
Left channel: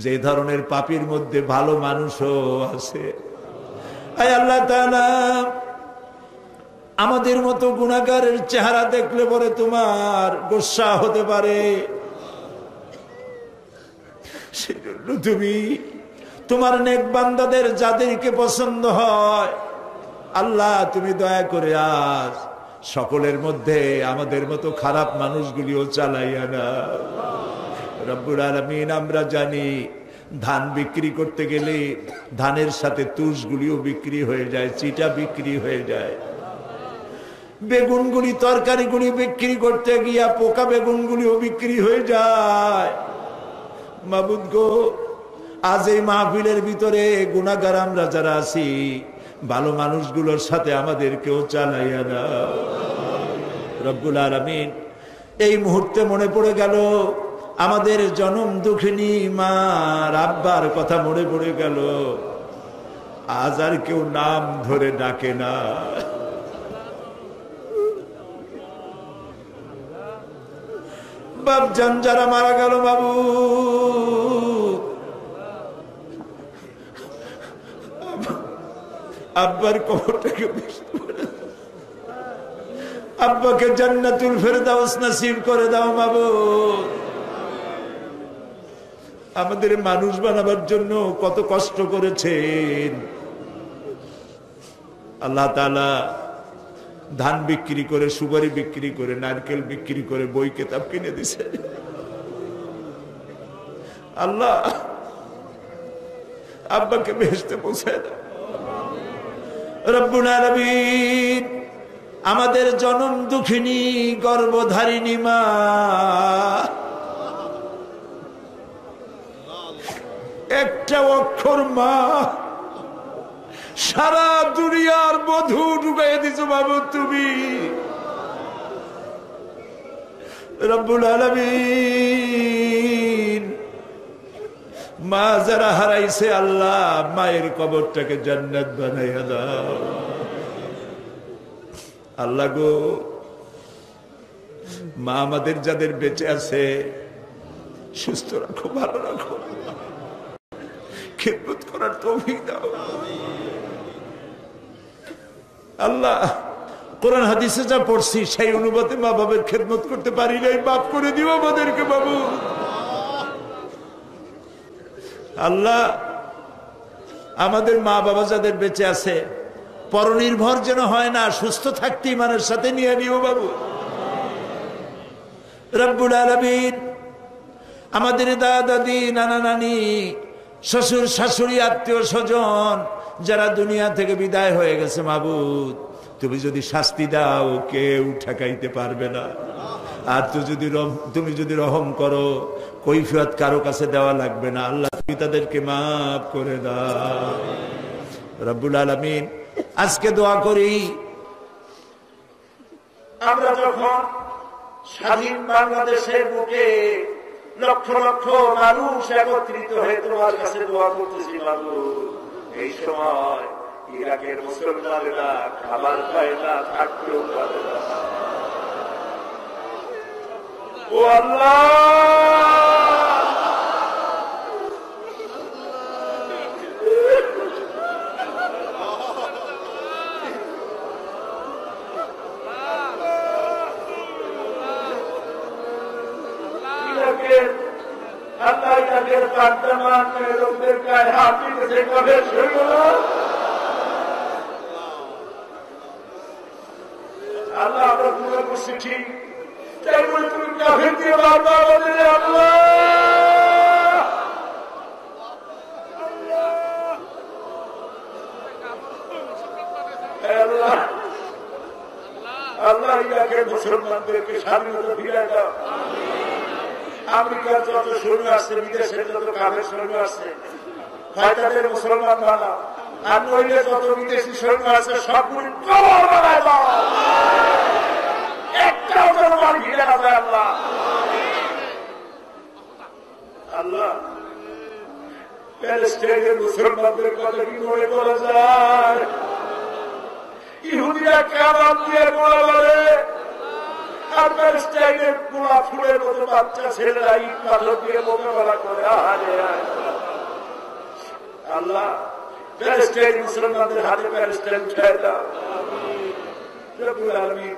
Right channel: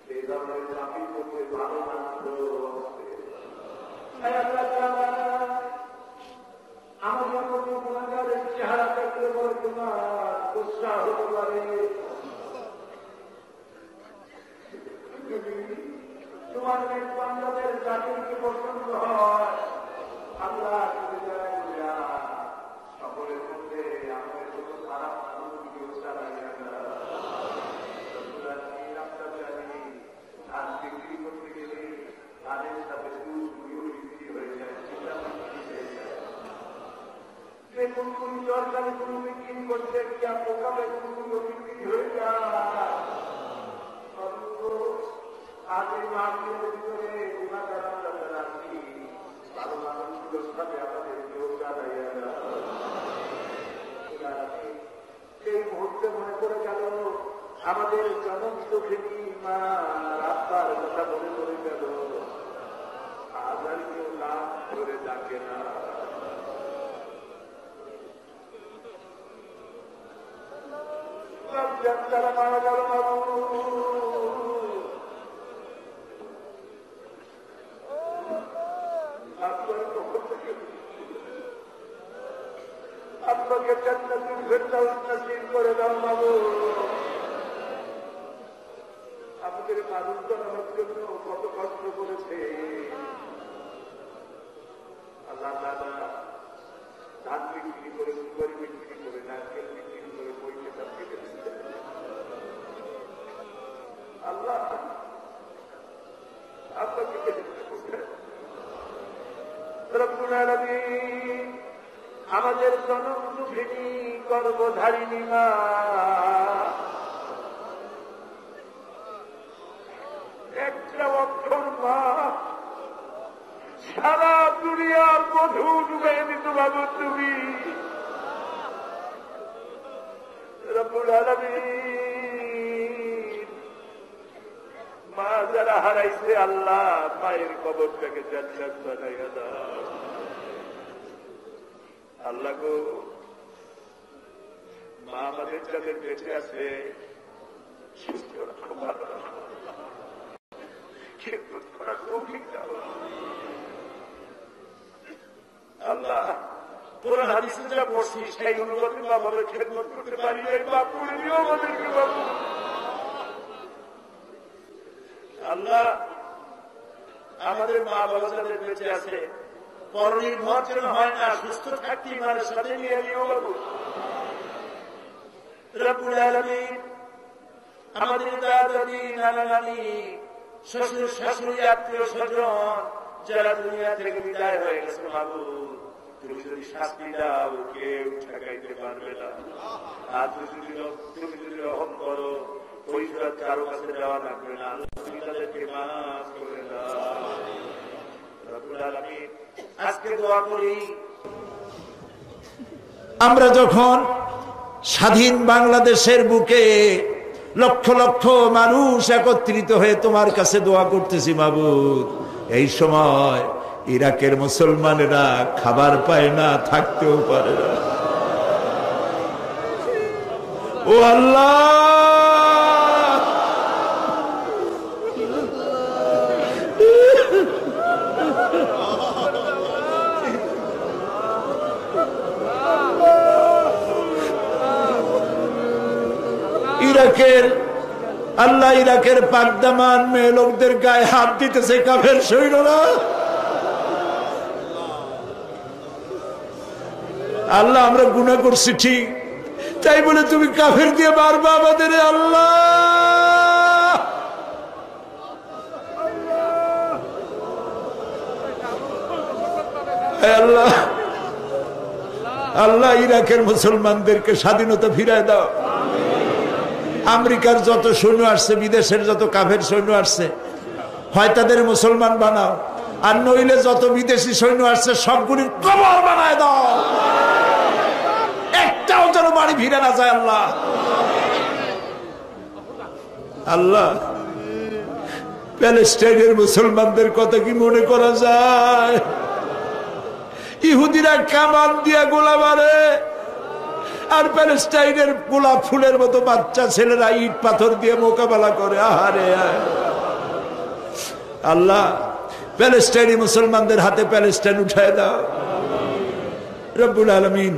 যে ধরনের পাপীর মধ্যে ভালো মানুষও আছে। আয় আল্লাহ তাআলা, আমাদের মতো গুনাহগারের চেহারা দেখলে পরে তোমার গোসা হতে পারে। সেজন্য তুমি তোমার নেক বান্দাদের যাদেরকে পছন্দ হয় আল্লাহ, তুমি দয়া করে আজ সকলের মধ্যে আমাদের মতো খারাপ মানুষগুলিও চালাইয়া না। রব্বুল আলামিন, আমরা জানি ধান বিক্রি করতে গেলে ধানের সাথে তুষগুলিও বিক্রি হয়ে যায়, চিটা বিক্রি হয়ে যায়। বেগুনগুলি, তরকারিগুলি বিক্রি করতে গিয়া পোকা বেগুনগুলিও বিক্রি হয়ে যায়। মাবুদ গো, আজ এই মাহফিলের ভিতরে গুনাহগার আমরা যারা আছি, ভালো মানুষগুলোর সাথে আমাদেরকেও চালাইয়া না। রব্বুল আলামিন, এই মুহূর্তে মনে পড়ে গেল আমাদের জনম দুঃখিনী মা আব্বার কথা মনে পড়ে গেল। আজ আর কেউ নাম ধরে ডাকে না। বাপজান যারা মারা গেল, বাবু আব্বার কবরটাকে, আব্বাকে জান্নাতুল ফেরদাউস নসিব করে দাও মাবুদ। আমাদের মানুষ বানাবার জন্য কত কষ্ট করেছেন আল্লাহ তাআলা। ধান বিক্রি করে, সুপারি বিক্রি করে, নারকেল বিক্রি করে বই কিতাব কিনে দিছে। আল্লাহ, আব্বাকে বেহেশতে পৌঁছায় দাও। রব্বুল আলামিন, আমাদের জনম দুঃখিনী গর্ভধারিণী মা, একটা অক্ষর মা, সারা দুনিয়ার মধু ডুবাই দিছো বাবু তুমি। রব্বুল আলামিন, মা যারা হারাইছে আল্লাহ, মায়ের কবরটাকে জান্নাত বানাইয়া দাও। আল্লাহ গো, মা আমাদের যাদের বেঁচে আছে সুস্থ রাখো, ভালো রাখো, খিদমত করার তৌফিক দাও। আল্লাহ, কোরআন হাদিসে যা পড়ছি সেই অনুপাতে মা বাবার খিদমত করতে পারি নাই, মাফ করে দিও আমাদেরকে বাবু। আল্লাহ, আমাদের মা বাবা যাদের বেঁচে আছে পরনির্ভর যেন হয় না, সুস্থ থাকতে ইমানের সাথে নিয়ে নিও বাবু। রব্বুল আলামিন, আমাদের দাদা দাদি, নানা নানি, শ্বশুর শাশুড়ি, আত্মীয় স্বজন যারা দুনিয়া থেকে বিদায় হয়ে গেছে মাবুদ, তুমি যদি শাস্তি দাও কেউ ঠেকাইতে পারবে না। আর তুমি যদি রহম করো কৈফিয়ত কারো কাছে দেওয়া লাগবে না। আল্লাহ, তুমি তাদেরকে মাফ করে দাও। রব্বুল আলামিন, আজকে দোয়া করি, আমরা যখন স্বাধীন বাংলাদেশের বুকে লক্ষ লক্ষ মানুষ একত্রিত হয়ে তোমার কাছে দোয়া করতেছি মাবুদ, এই সময় ইরাকের মুসলমানেরা খাবার পায় না, থাকতেও পারে না। ও আল্লাহ, ইরাকের আল্লাহ, ইরাকের পাকদামান মেয়ে লোকদের গায়ে হাত দিতেছে কাফের সৈন্যরা। আল্লাহ, আমরা গুনাহ করছি ঠিক, তাই বলে তুমি কাফের দিয়ে মারবা আমাদের। আল্লাহ, আল্লাহ, আল্লাহ, ইরাকের মুসলমানদেরকে স্বাধীনতা ফিরায় দাও। আমেরিকার যত সৈন্য আসছে, বিদেশের যত কাফের সৈন্য আসছে, হয় তাদের মুসলমান বানাও, আর নইলে যত বিদেশি সৈন্য আসছে সবগুলির কবর বানায় দাও। একটাও যেন বাড়ি ফিরে আসে আল্লাহ। আল্লাহ, প্যালেস্টাইনের মুসলমানদের কথা কি মনে করা যায়? ইহুদিরা কামান দিয়ে গোলা মারে, আর প্যালেস্টাইনের গোলাপ ফুলের মতো বাচ্চা ছেলেরা ইট পাথর দিয়ে মোকাবেলা করে। আহারে আল্লাহ, প্যালেস্টাইনি মুসলমানদের হাতে প্যালেস্টাইন উঠায় দাও রব্বুল আলামিন।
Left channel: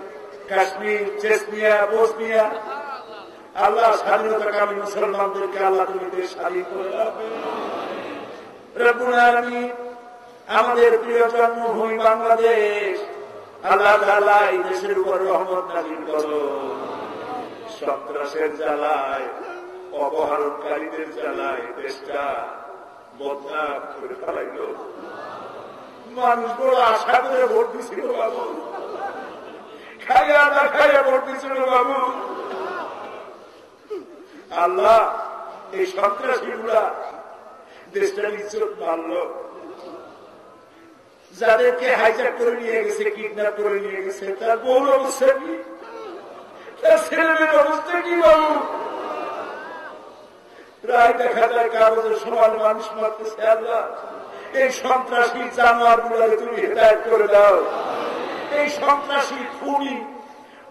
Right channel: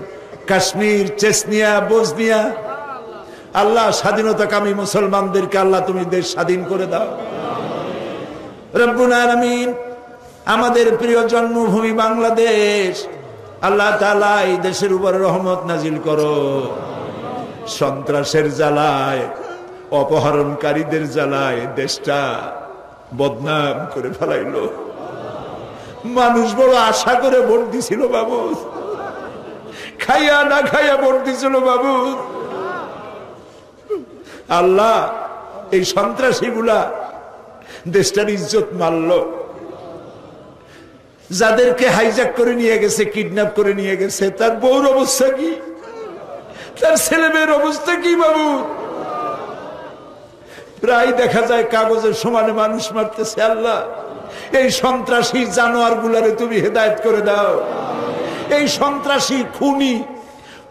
কাশ্মীর, চেচনিয়া, বসনিয়া, আল্লাহ স্বাধীনতাকামী মুসলমানদেরকে আল্লাহ তুমি দেশ স্বাধীন করে দাও রব্বুল আলামিন। আমাদের প্রিয় জন্মভূমি বাংলাদেশ, আল্লাহ তাআলা এই দেশের উপর রহমত নাজিল করো। সন্ত্রাসের জ্বালায়, অপহরণকারীদের জ্বালায় দেশটা বদনাম করে ফেলাইলো। মানুষ বড় আশা করে ভোট দিছিল বাবু, খাইয়া না খাইয়া ভোট দিছিল বাবু। আল্লাহ, এই সন্ত্রাসী গুলা দেশটার ইজ্জত মারল। যাদেরকে হাইজ্যাক করে নিয়ে গেছে, কিডন্যাপ করে নিয়ে গেছে, তার বউর অবস্থা কি, তার ছেলে মেয়ের অবস্থা কি বাবু? প্রায় দেখা যায় কাগজের সমানে মানুষ মারতেছে। আল্লাহ, এই সন্ত্রাসী জানোয়ার গুলারে তুমি হেদায়েত করে দাও। এই সন্ত্রাসী খুনি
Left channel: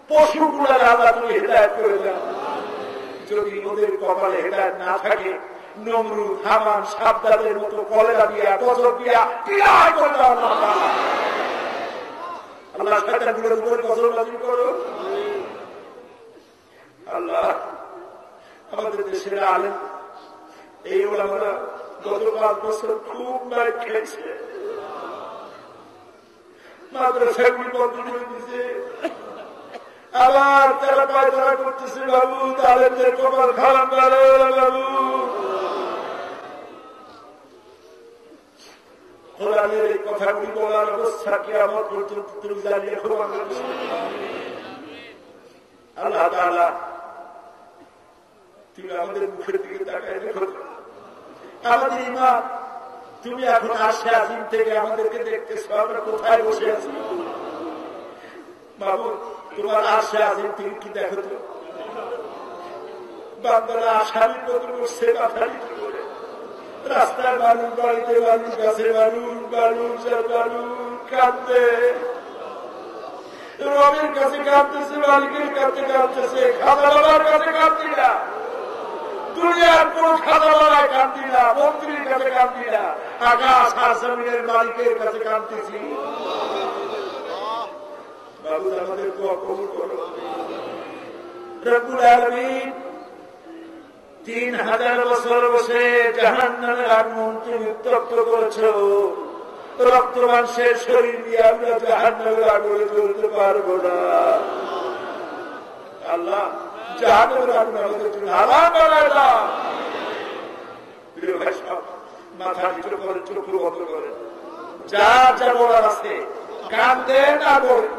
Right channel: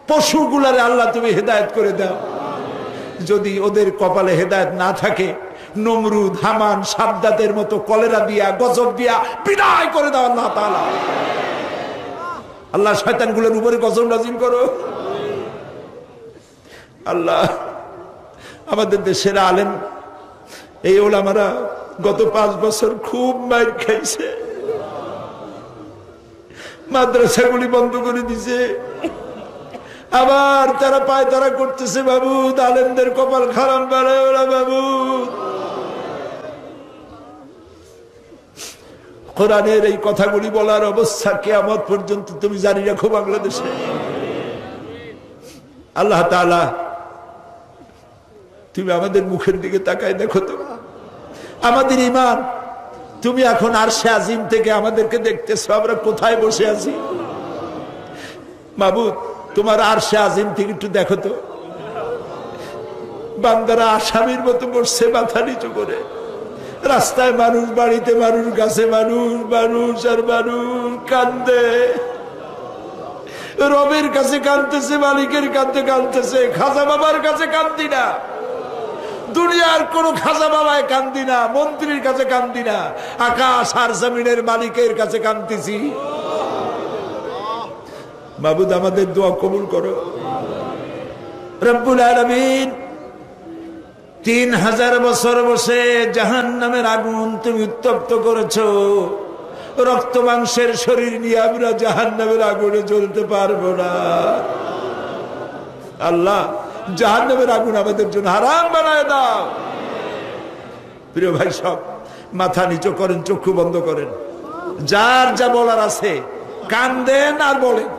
পশু গুলারে আল্লাহ তুমি হেদায়েত করে দাও। যদি ওদের কপালে হেদায়েত না থাকে, নমরুদ, হামান, সাদ্দাতের মতো কলেরা দিয়া, গজব দিয়া বিদায় করে দাও আল্লাহ তাআলা। আল্লাহ, শয়তান গুলোর উপরে গজব নাজিল করো। আল্লাহ, আমাদের দেশের আলেম এই ওলামারা গত 5 বছর খুব মার খাইছে, মাদ্রাসাগুলি বন্ধ করে দিছে, আবার তারা পায় তারা করতেছে বাবু। আলেমদের কপাল খারাপ বাড়ে ওরা বাবু। কোরআনের এই কথাগুলি বলার অবস্থা কিয়ামত পর্যন্ত তুমি জানি রাখো বাংলাদেশে। আল্লাহ তাআলা, তুমি আমাদের মুখের দিকে তাকায় দেখো তো, আমাদের ঈমান তুমি এখন আরশে আজিম থেকে আমাদেরকে দেখতেছো, আমরা কোথায় বসে আছি মাবুদ? তোমার আরশে আজিম থেকে একটু দেখো তো, বান্দারা আসামির মতো বসছে মাথা নিচু করে। রাস্তায় মানুষ, বাড়িতে মানুষ, গাছে মানুষ, মানুষ আর মানুষ কান্দে। রবের কাছে কাঁদতেছে, মালিকের কাছে কাঁদতেছে, খাজা বাবার কাছে কান্দি না, দুনিয়ার কোন খাজা বাবায় কান্দি না, মন্ত্রীর কাছে কান্দি না, আকাশ আর জমিনের মালিকের কাছে কান্দিছি। মাবুদ, আমাদের দোয়া কবুল করো রব্বুল আলামিন। 3000 বছর বসে জাহান্নামের আগুন তুমি উত্তপ্ত করেছো। রক্ত মাংসের শরীর নিয়ে আমরা জাহান্নামের আগুনে জ্বলতে পারবো না। আল্লাহ, জাহান্নামের আগুন আমাদের জন্য হারাম বানায় দাও। প্রিয় ভাই সব, মাথা নিচু করেন, চক্ষু বন্ধ করেন, যার যা বলার আছে কান্দেন আর বলেন,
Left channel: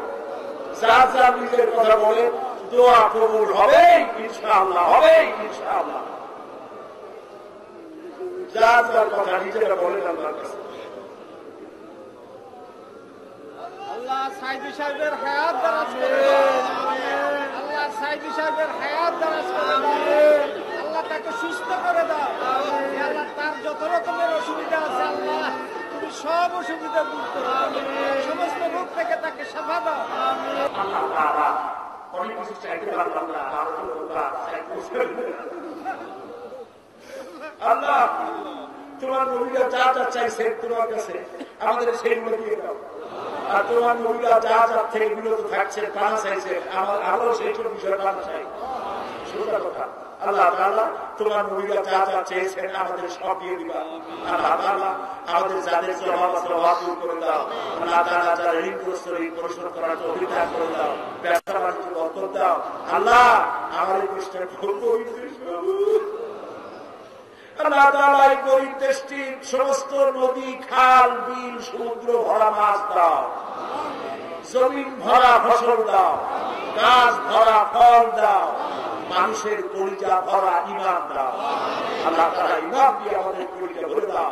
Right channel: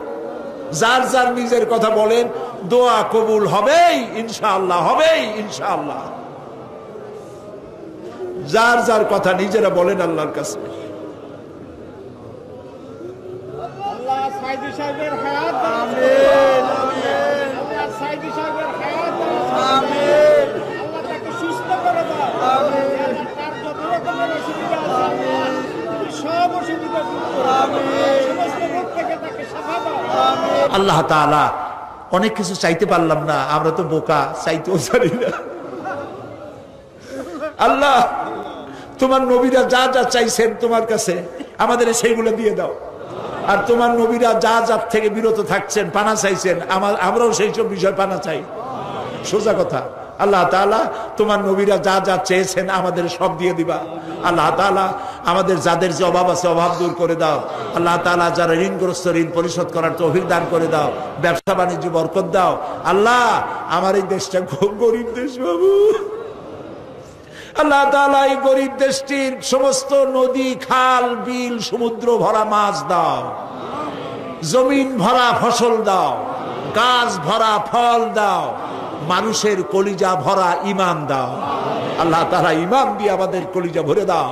যার যার নিজের কথা বলেন, দোয়া কবুল হবেই ইনশাআল্লাহ, হবেই ইনশাআল্লাহ। যার যার কথা নিজেরা বলেন আল্লাহর কাছে। আল্লাহ সাইদি সাহেবের হায়াত আমিন, আল্লাহ সাইদি সাহেবের হায়াত আমিন, আল্লাহ তাকে সুস্থ করে দাও আমিন, তার যত রকমের অসুবিধা আছে আল্লাহ তুমি সব অসুবিধা দূর করো আমিন, সমস্ত রোগ থেকে তাকে শিফা দাও আমিন। আল্লাহ তাআলা, অনেক কিছু চাইতে পারলাম না, আমরা তো বোকা, চাইতেও জানি না। আল্লাহ, তোমার নবীরা যা যা চাইছেন তোমার কাছে, আমাদের সেইগুলো দিয়ে দাও। আর তোমার নবীরা যা যার থেকে বিরত থাকছেন, পানা চাইছেন, আমরাও সেই সব বিষয় পানা চাই। সোজা কথা, আল্লাহ তাআলা তোমার নবীরা যা যা চেয়েছেন আমাদের সব দিয়ে দিবা। আল্লাহ তাআলা আমাদের যাদের যে অভাব আছে অভাব দূর করে দাও। আল্লাহ তাআলা যারা ঋণগ্রস্ত ঋণ পরিশোধ করার তৌফিক দান করে দাও, ব্যবসা বাণিজ্য বরকত দাও। আল্লাহ, আমার এই দেশটা খুব গরিব দেশ বাবু। আল্লাহ তাআলা এই গরিব দেশটির সমস্ত নদী, খাল, বিল, সমুদ্র ভরা মাছ দাও, জমিন ভরা ফসল দাও, গাছ ভরা ফল দাও, মানুষের কলিজা ভরা ঈমান দাও। আল্লাহ তাআলা ঈমান দিয়ে আমাদের কলিজা ভরে দাও।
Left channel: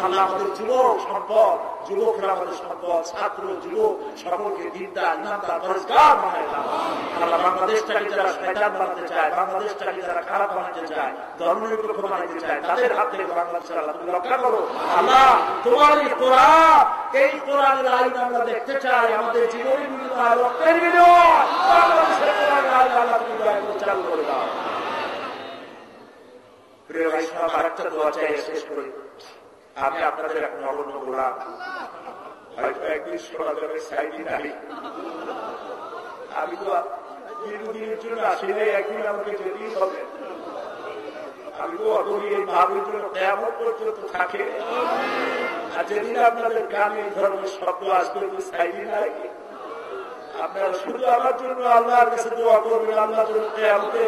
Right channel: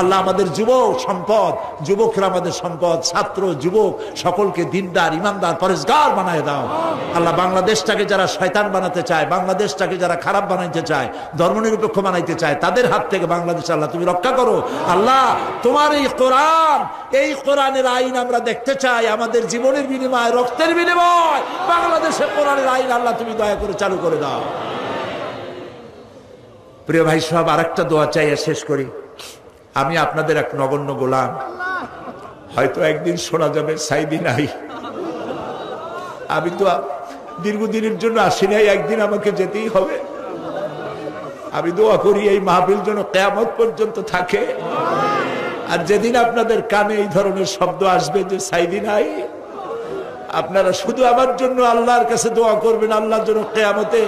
আল্লাহ আমাদের যুবক সম্পদ, যুবকরা আমাদের সম্পদ, ছাত্র যুবক সকলকে দিনদার ঈমানদার পরেজগার বানায় দাও। আল্লাহ বাংলাদেশটাকে যারা শয়তান বানাতে চায়, বাংলাদেশটাকে যারা খারাপ বানাইতে চায়, ধর্মনিরপেক্ষ বানাইতে চায়, তাদের হাত থেকে বাংলাদেশ আল্লাহ তুমি রক্ষা করো। আল্লাহ তোমার এই কোরআন, এই কোরআনের আইন আমরা দেখতে চাই, আমাদের জীবনের বিনিময়ে, রক্তের বিনিময়ে বাংলাদেশের কোরআনের আইন আল্লাহ তুমি দয়া করে চালু করে দাও। প্রিয় ভাই সব, আরেকটা দোয়া চাইয়া শেষ করি। আমি আপনাদের এক নগণ্য গোলাম, হয়তো একদিন শোনা যাবে সাইদি নাই। আমি তো দীর্ঘদিনের জন্য আসি নাই, একদিন আমাকে যেতেই হবে। আমি দোয়া করি এই মাহফিল যেন কিয়ামত পর্যন্ত থাকে। আর যেদিন আপনাদের কানে এই ধরনের শব্দ আসবে যে সাইদি নাই, আপনারা শুধু আমার জন্য আল্লাহর কাছে দোয়া করবেন, আল্লাহর জন্য কিয়ামতে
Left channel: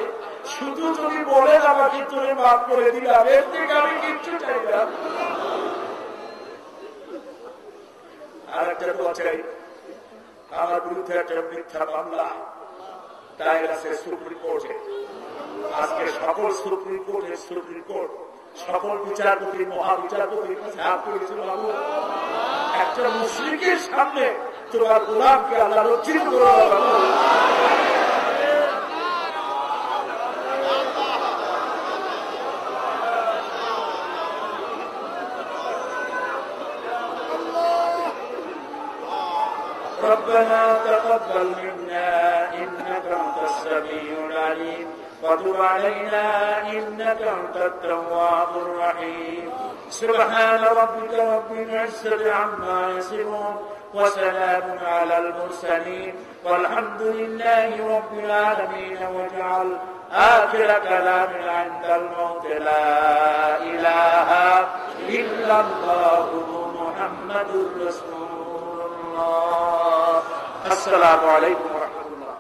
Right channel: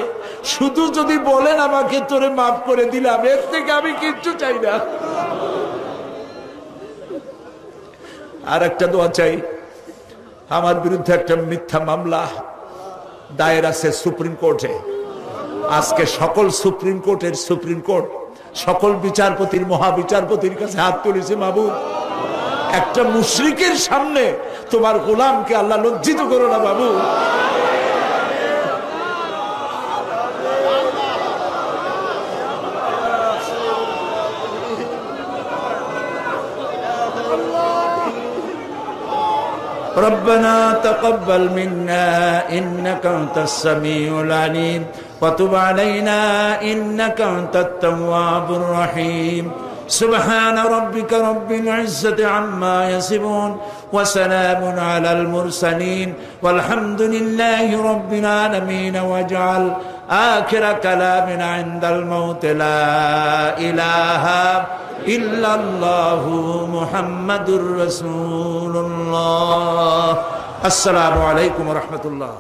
শুধু যদি বলেন আমাকে তোরে মাফ করে দিলাম, এর থেকে আমি কিচ্ছু চাই না। আর একটা দোয়া চাই, আমার বিরুদ্ধে একটা মিথ্যা মামলা দায়ের আছে সুপ্রিম কোর্টে। আজকে সকল সুপ্রিম কোর্টের সুপ্রিম কোর্ট সকল বিচারপতির মহাবিচারপতির কাছে হাত তুলেছে, মাবুদ একটা মুশরিকের সামনে তোমার গোলামকে আল্লাহ লজ্জিত করো না বাবু। ربنا تقبل منا إنك أنت السميع العليم وتب علينا إنك أنت التواب الرحيم سبحان ربك رب العزة عما يصفون وسلام على المرسلين والحمد لله رب العالمين واجعل آخر كلامنا عند الموت لا إله إلا الله محمد رسول الله. السلام عليكم ورحمة الله.